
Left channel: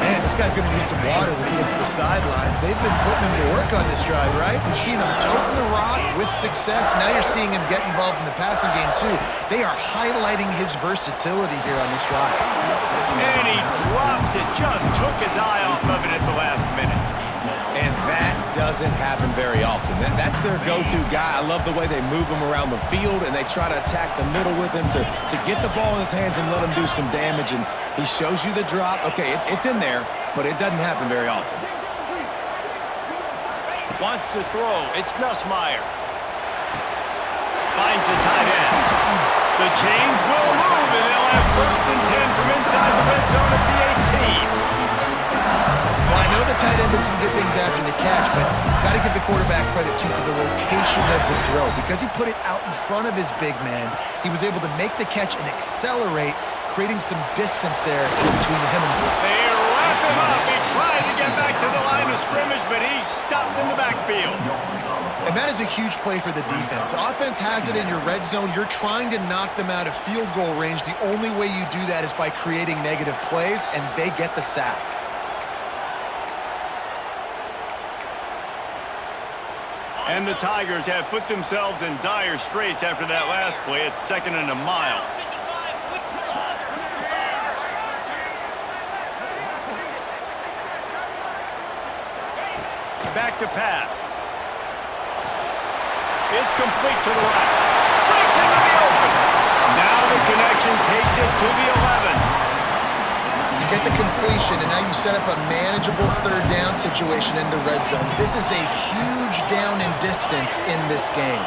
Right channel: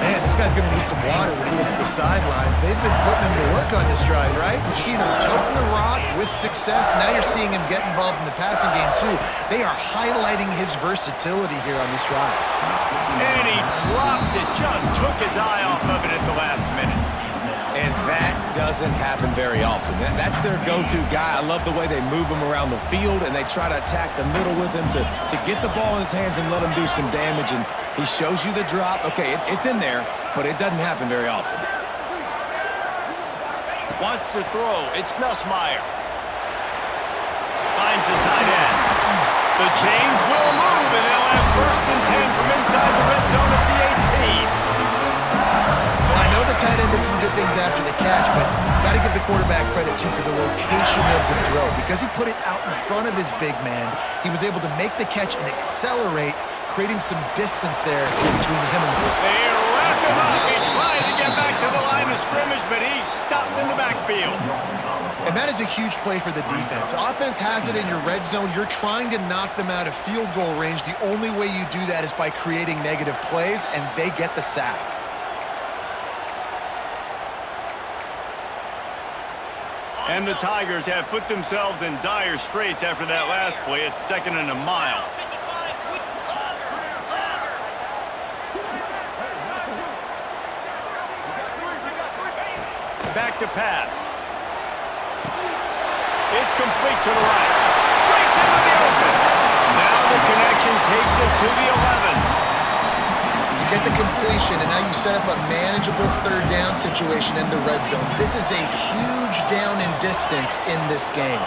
Man, this guy's going to need some water when he gets to the sidelines. They've been putting him to work on this drive, right? We've seen him toting the rock with success. Now you're seeing him get involved in the passing game, too. They are highlighting his versatility here on this drive. And he drops it. Just took his eye off of it at the last minute. And that doesn't happen very often. That's their go-to guy. I love the way they move him around the field, and they try to attack the middle with him to get the ball in his hands and let him do some damage. And he shows you the drop. Okay, it's in there, but it doesn't happen very often. Wants to throw. It's Nussmeier. Finds the tight end. The chains will move, and they'll have 1st and 10 from inside the red zone at the 18. Well, I know the tight end did some good things after the catch, but got to give the quarterback credit, too, for the location of the throw. Because he put it out in front of his big man, he was able to make the catch and accelerate, creating some distance there between him and They wrap him up. He tried to get back to the line of scrimmage, but he's stopped in the backfield. And that is a huge play for the defense. Offense has it in your red zone. You're trying to knock them out of field goal range. The only way you do that is by creating negative plays, and they get the sack. And the Tigers have put themselves in dire straits after that last play. It's 2nd and a mile. Back to pass. It's complete to the right. Breaks into the open. Now the connection takes it to the 11. You get the completion, and now you set up a manageable third down situation in the red zone. This is a huge down in distance in this game.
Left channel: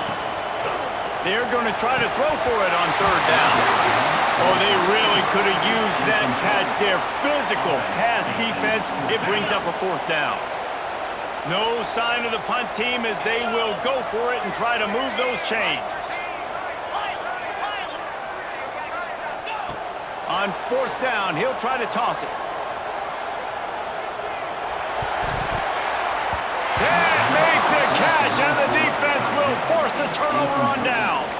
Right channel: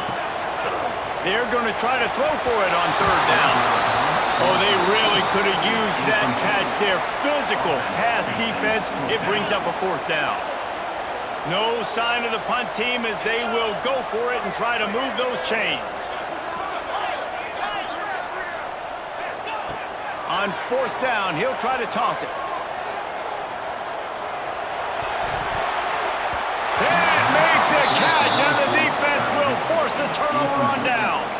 They're going to try to throw for it on 3rd down. Oh, they really could have used that catch there. Physical pass defense. It brings up a 4th down. No sign of the punt team as they will go for it and try to move those chains. On 4th down, he'll try to toss it. And make the catch, and the defense will force the turnover on downs.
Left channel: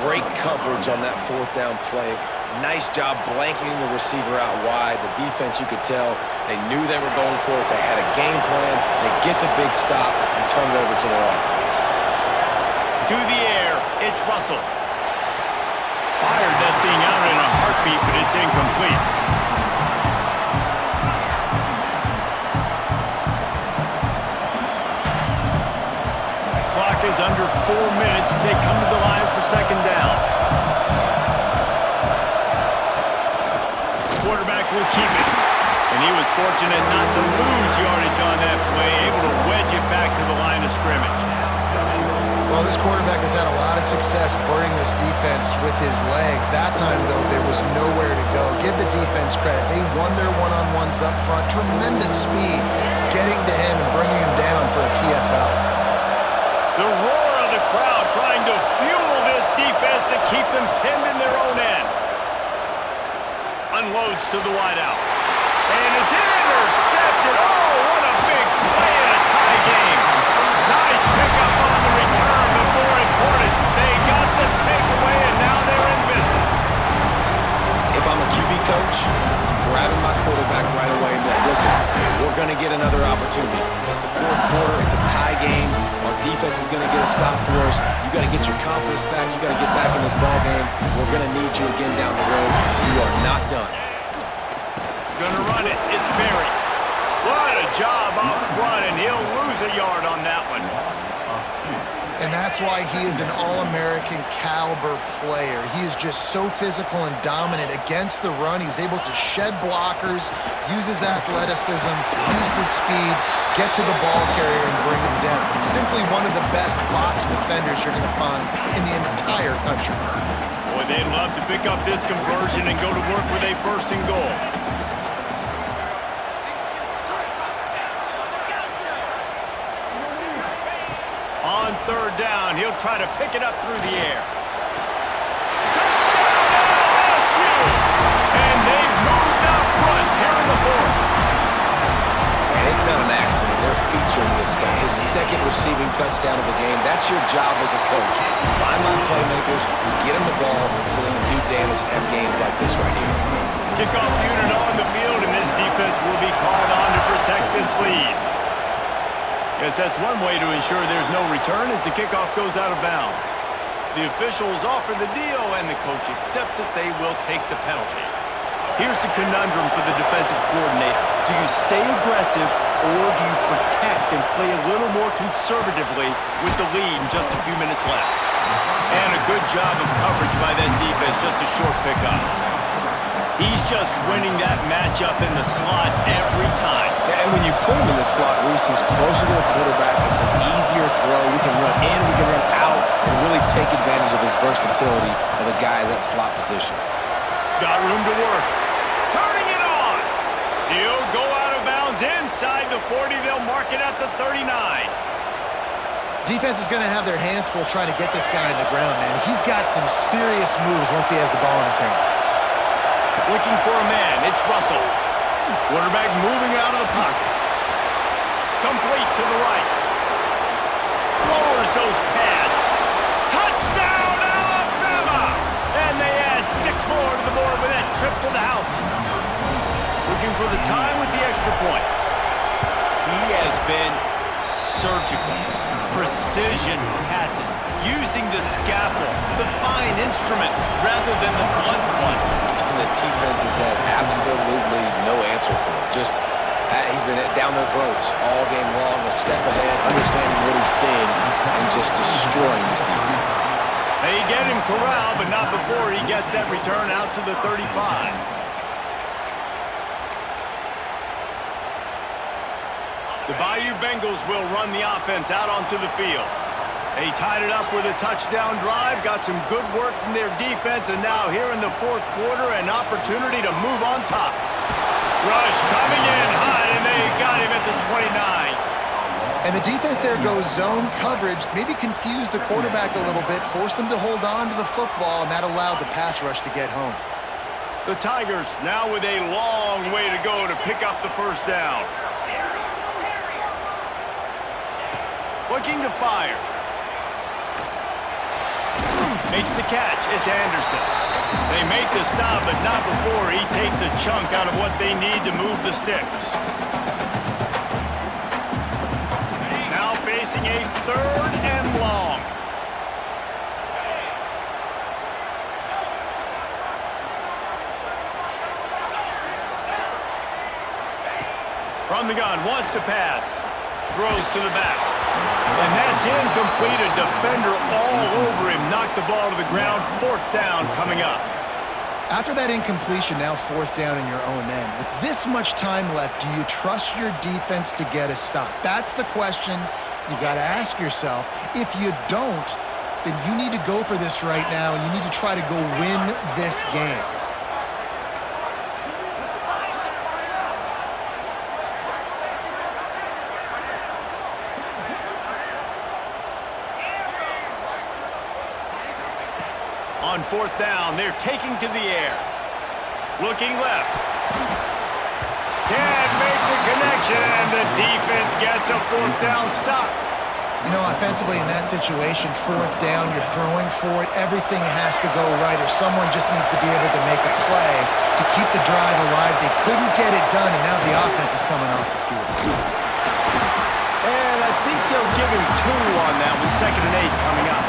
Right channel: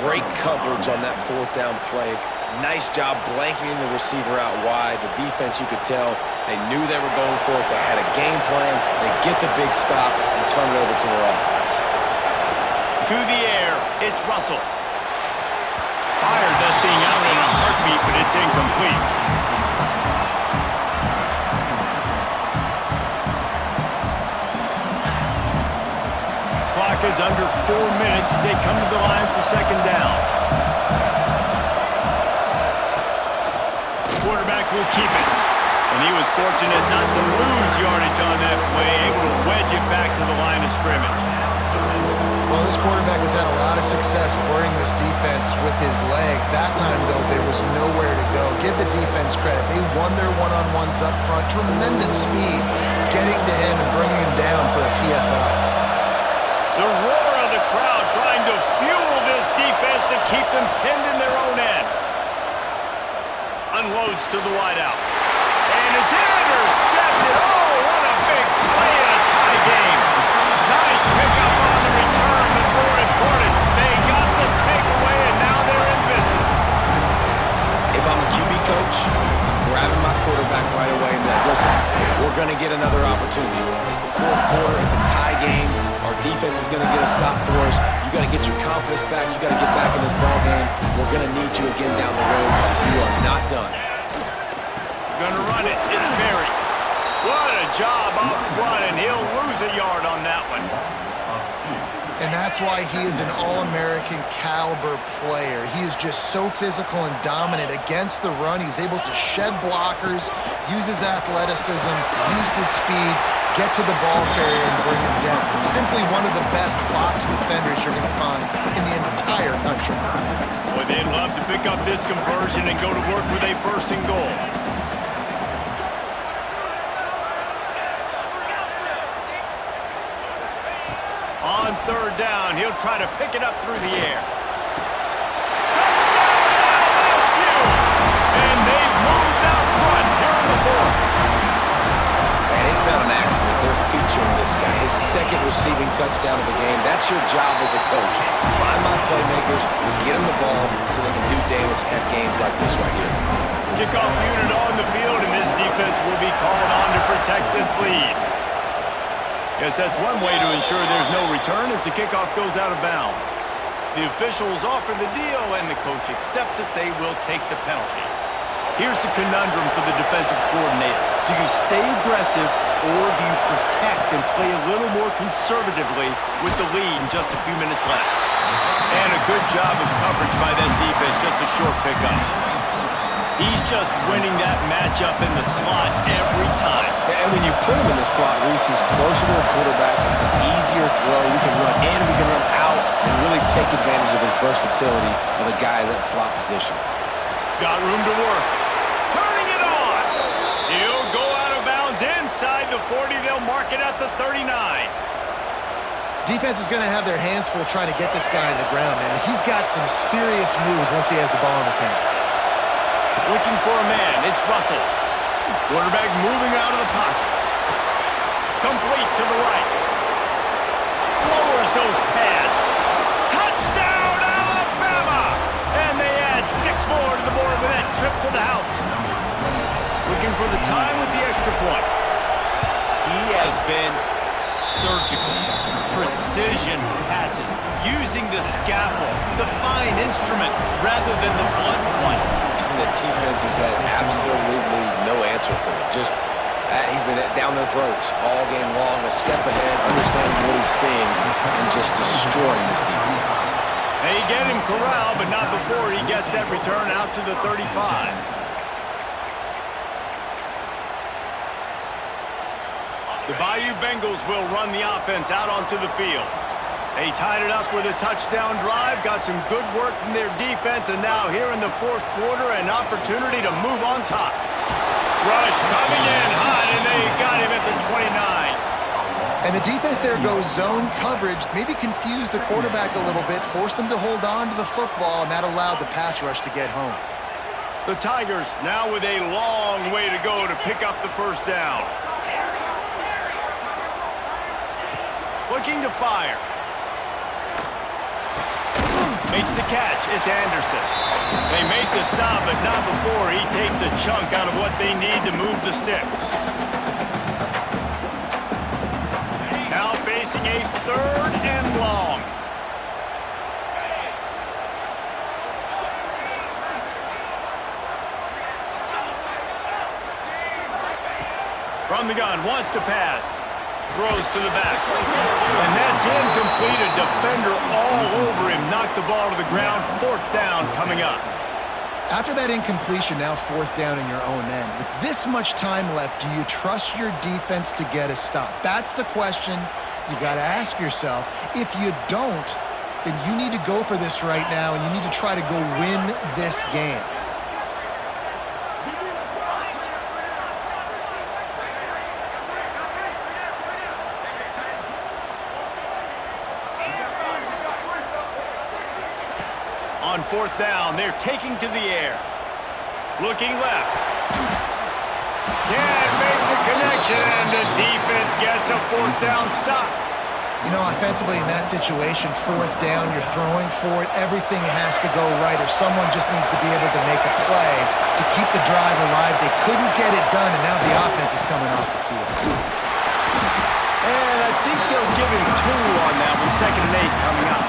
Great coverage on that 4th down play. Nice job blanketing the receiver out wide. The defense, you could tell, they knew they were going for it. They had a game plan. They get the big stop and turn it over to their offense. To the air, it's Russell. Fired that thing out in a heartbeat, but it's incomplete. Clock is under 4 minutes as they come to the line for 2nd down. Quarterback will keep it. And he was fortunate not to lose yardage on that play, able to wedge it back to the line of scrimmage. Well, this quarterback has had a lot of success burning this defense with his legs. That time, though, there was nowhere to go. Give the defense credit. They won their one-on-ones up front. Tremendous speed getting to him and bringing him down for a TFL. The roar of the crowd trying to fuel this defense to keep them pinned in their own end. Unloads to the wideout. And it's intercepted. Oh, what a big play in a tie game. Nice pickup on the return, but more important, they got the takeaway, and now they're in business. If I'm a QB coach, I'm grabbing my quarterback right away and be like, listen, we're going to get another opportunity. It's the 4th quarter. It's a tie game. Our defense is going to get a stop for us. You got to get your confidence back. You got to get back in this ball game. We're going to need you again down the road. You are not done. Gonna run it. It's Berry. What a job up front, and he'll lose a yard on that one. And that's why he is an All-American caliber player. He is just so physical and dominant against the run. He's able to shed blockers, use his athleticism, use his speed, get to the ball carrier and bring him down. Simply one of the best box defenders you're going to find in the entire country. Boy, they'd love to pick up this conversion and go to work with a 1st and goal. On 3rd down, he'll try to pick it up through the air. Touchdown, LSU! And they've moved out front here in the 4th. And it's not an accident. They're featuring this guy. His 2nd receiving touchdown of the game. That's your job as a coach. Find my playmakers, get them the ball so they can do damage and have games like this right here. Kickoff unit on the field, and this defense will be called on to protect this lead. Yes, that's one way to ensure there's no return as the kickoff goes out of bounds. The officials offer the deal, and the coach accepts it. They will take the penalty. Here's the conundrum for the defensive coordinator. Do you stay aggressive, or do you protect and play a little more conservatively with the lead and just a few minutes left? And a good job of coverage by that defense, just a short pickup. He's just winning that matchup in the slot every time. And when you put him in the slot, Reese, he's closer to the quarterback. It's an easier throw. We can run in, we can run out, and really take advantage of his versatility of the guy in that slot position. Got room to work. Turning it on. He'll go out of bounds inside the 40. They'll mark it at the 39. Defense is going to have their hands full trying to get this guy on the ground, man. He's got some serious moves once he has the ball in his hands. Looking for a man, it's Russell. Quarterback moving out of the pocket. Complete to the right. Lowers those pads. Touchdown, Alabama! And they add 6 more to the board with that trip to the house. Looking for the time with the extra point. He has been surgical. Precision passes. Using the scalpel, the fine instrument, rather than the blunt one. And the defense has had absolutely no answer for it. Just, he's been down their throats all game long, a step ahead, understanding what he's seeing, and just destroying this defense. They get him corralled, but not before he gets that return out to the 35. The Bayou Bengals will run the offense out onto the field. They tied it up with a touchdown drive, got some good work from their defense, and now here in the fourth quarter, an opportunity to move on top. Rush coming in hot, and they got him at the 29. And the defense there goes zone coverage, maybe confused the quarterback a little bit, forced him to hold on to the football, and that allowed the pass rush to get home. The Tigers now with a long way to go to pick up the first down. Looking to fire. Makes the catch. It's Anderson. They make the stop, but not before he takes a chunk out of what they need to move the sticks. Now facing a 3rd and long. From the gun, wants to pass. Throws to the back. And that's incomplete. A defender all over him. Knocked the ball to the ground. 4th down coming up. After that incompletion, now 4th down in your own end. With this much time left, do you trust your defense to get a stop? That's the question you've got to ask yourself. If you don't, then you need to go for this right now, and you need to try to go win this game. On 4th down, they're taking to the air. Looking left. Can't make the connection, and the defense gets a 4th down stop. You know, offensively in that situation, 4th down, you're throwing for it. Everything has to go right, or someone just needs to be able to make a play to keep the drive alive. They couldn't get it done, and now the offense is coming off the field. And I think they'll give him 2 on that one. 2nd and 8 coming up.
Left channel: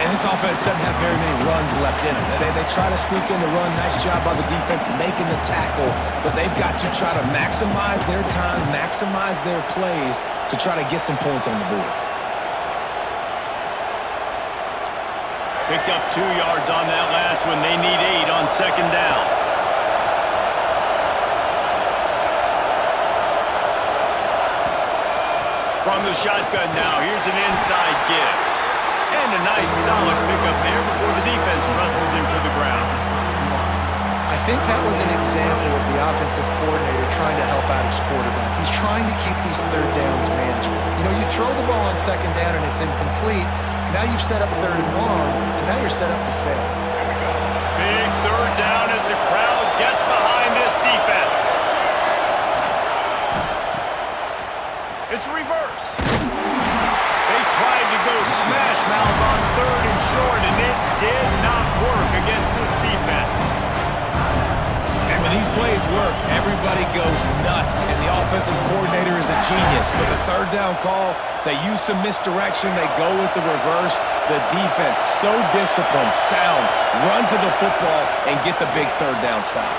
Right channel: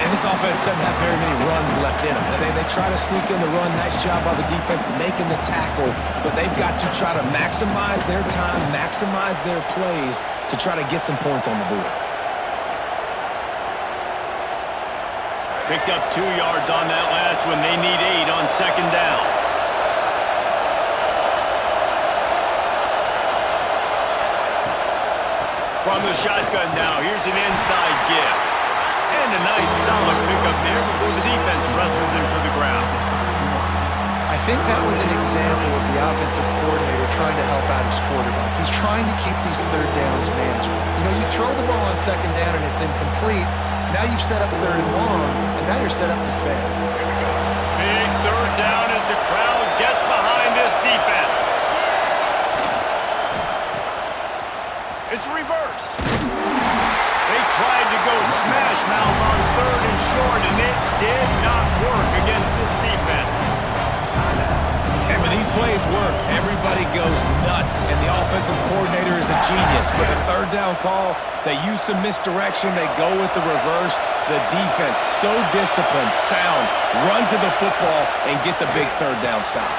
And this offense doesn't have very many runs left in them. They try to sneak in the run. Nice job by the defense making the tackle. But they've got to try to maximize their time, maximize their plays to try to get some points on the board. Picked up 2 yards on that last one. They need 8 on 2nd down. From the shotgun now, here's an inside give. And a nice solid pickup there before the defense wrestles him to the ground. I think that was an example of the offensive coordinator trying to help out his quarterback. He's trying to keep these 3rd downs manageable. You know, you throw the ball on 2nd down and it's incomplete. Now you've set up 3rd and long, and now you're set up to fail. Big 3rd down as the crowd gets behind this defense. It's reverse. They tried to go smash mouth on 3rd and short, and it did not work against this defense. And when these plays work, everybody goes nuts, and the offensive coordinator is a genius. But the 3rd down call, they use some misdirection. They go with the reverse. The defense, so disciplined, sound, run to the football and get the big 3rd down stop.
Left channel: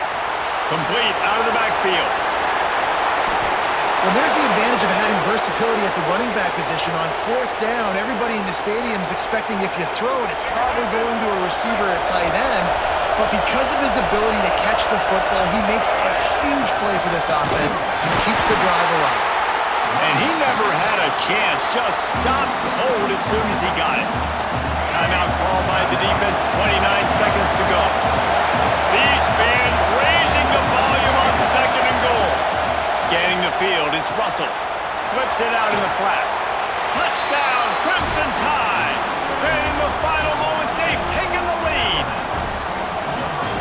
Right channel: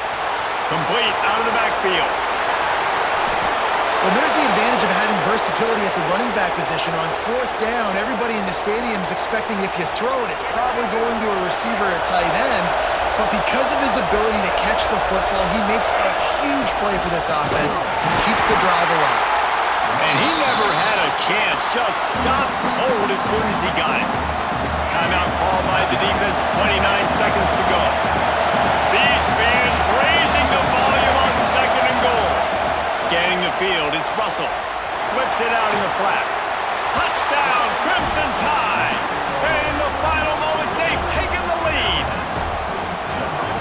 Complete out of the backfield. Well, there's the advantage of having versatility at the running back position. On 4th down, everybody in the stadium is expecting if you throw it, it's probably going to a receiver at tight end. But because of his ability to catch the football, he makes a huge play for this offense and keeps the drive alive. And he never had a chance, just stopped cold as soon as he got it. Timeout called by the defense, 29 seconds to go. These fans raising the volume on 2nd and goal. Scanning the field, it's Russell. Flips it out in the flat. Touchdown, Crimson Tide! And in the final moments, they've taken the lead.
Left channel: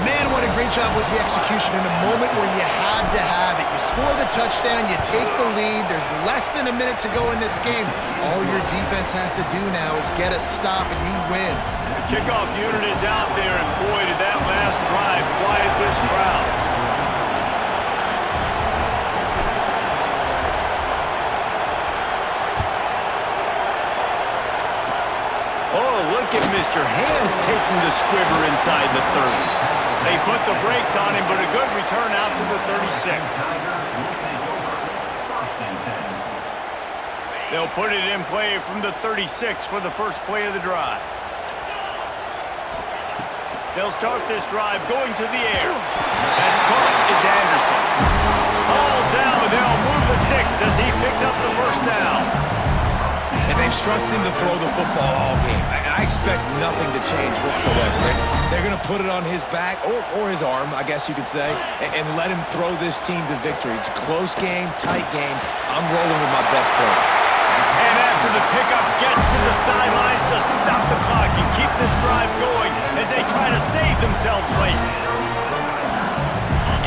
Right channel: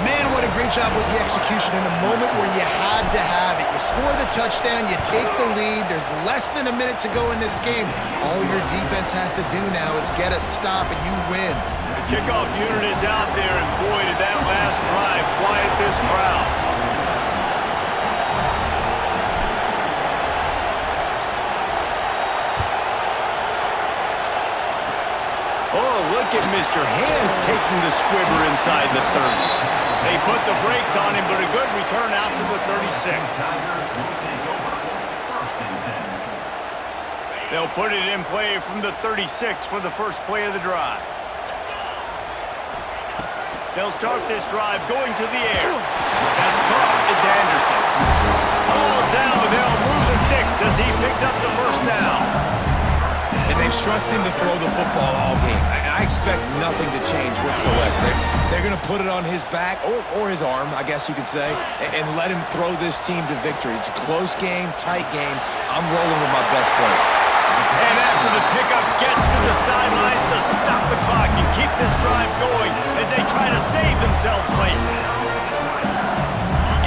Man, what a great job with the execution in a moment where you had to have it. You score the touchdown, you take the lead. There's less than a minute to go in this game. All your defense has to do now is get a stop and you win. The kickoff unit is out there, and boy, did that last drive quiet this crowd. Oh, look at Mr. Hands taking the squibber inside the 30. They put the brakes on him, but a good return out to the 36. They'll put it in play from the 36 for the first play of the drive. They'll start this drive going to the air. That's caught. It's Anderson. All down. They'll move the sticks as he picks up the first down. And they Dave's trusting him to throw the football all game. I expect nothing to change whatsoever. They're going to put it on his back, or his arm, I guess you could say, and let him throw this team to victory. It's a close game, tight game. I'm rolling with my best player. And after the pickup gets to the sidelines to stop the clock and keep this drive going as they try to save themselves late.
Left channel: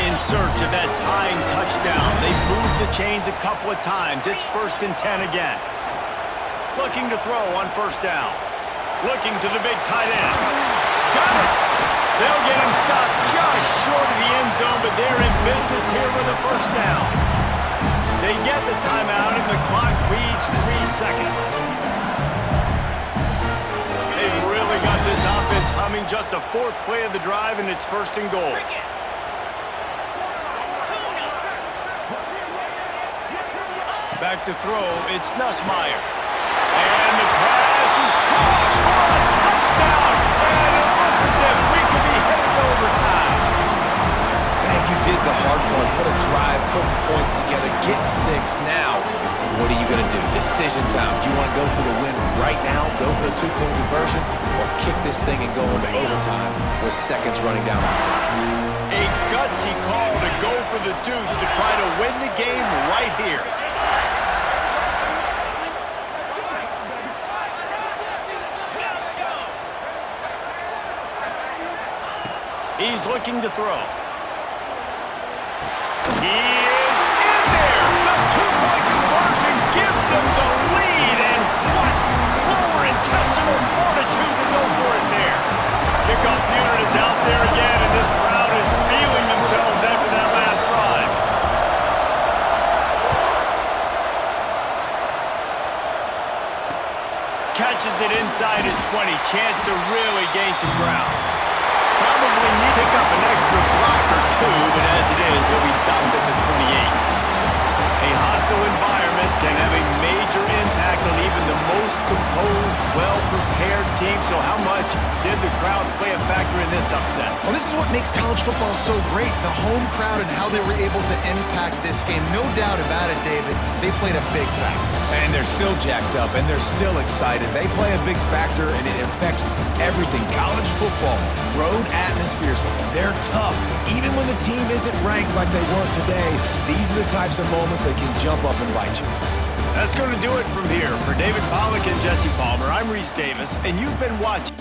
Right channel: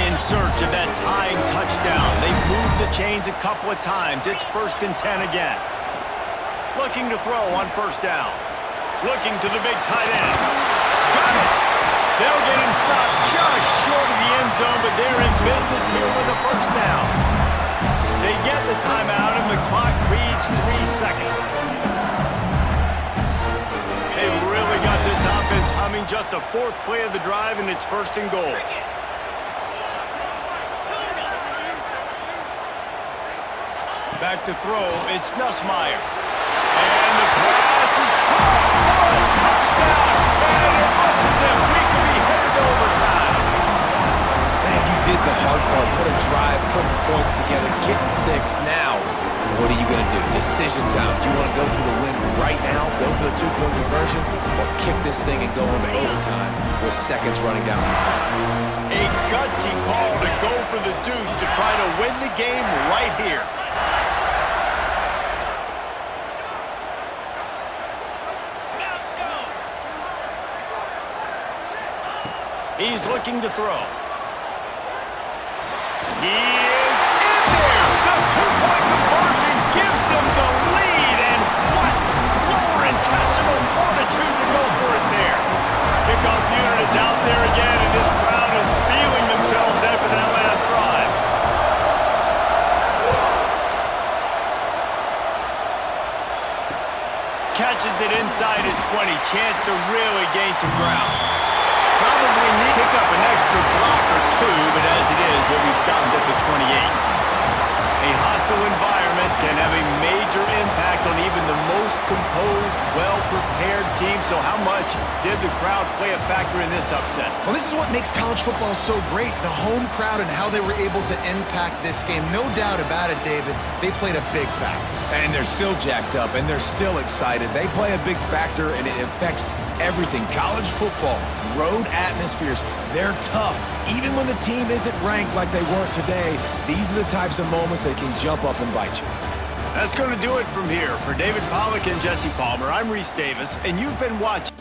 In search of that tying touchdown. They've moved the chains a couple of times. It's 1st and 10 again. Looking to throw on 1st down. Looking to the big tight end. Got it! They'll get him stopped just short of the end zone, but they're in business here with a 1st down. They get the timeout, and the clock reads 3 seconds. They've really got this offense humming. Just the 4th play of the drive, and it's 1st and goal. Back to throw, it's Nussmeier. And the pass is caught for a touchdown. And it looks as if we could be headed to overtime. Man, you did the hard part. What a drive, putting points together, getting 6. Now, what are you going to do? Decision time. Do you want to go for the win right now, go for the 2-point conversion, or kick this thing and go into overtime with seconds running down on the clock? A gutsy call to go for the deuce to try to win the game right here. He's looking to throw. He is in there! The 2-point conversion gives them the lead, and what lower intestinal fortitude to go for it there. Kickoff unit is out there again, and this crowd is feeling themselves after that last drive. Catches it inside his 20, chance to really gain some ground. Probably need to pick up an extra block or 2, but as it is, he'll be stopped at the 28. A hostile environment can have a major impact on even the most composed, well-prepared team. So how much did the crowd play a factor in this upset? Well, this is what makes college football so great, the home crowd and how they were able to impact this game. No doubt about it, David, they played a big factor. And they're still jacked up, and they're still excited. They play a big factor, and it affects everything. College football, road atmospheres, they're tough. Even when the team isn't ranked like they weren't today, these are the types of moments that can jump up and bite you. That's going to do it from here. For David Pollack and Jesse Palmer, I'm Reese Davis, and you've been watching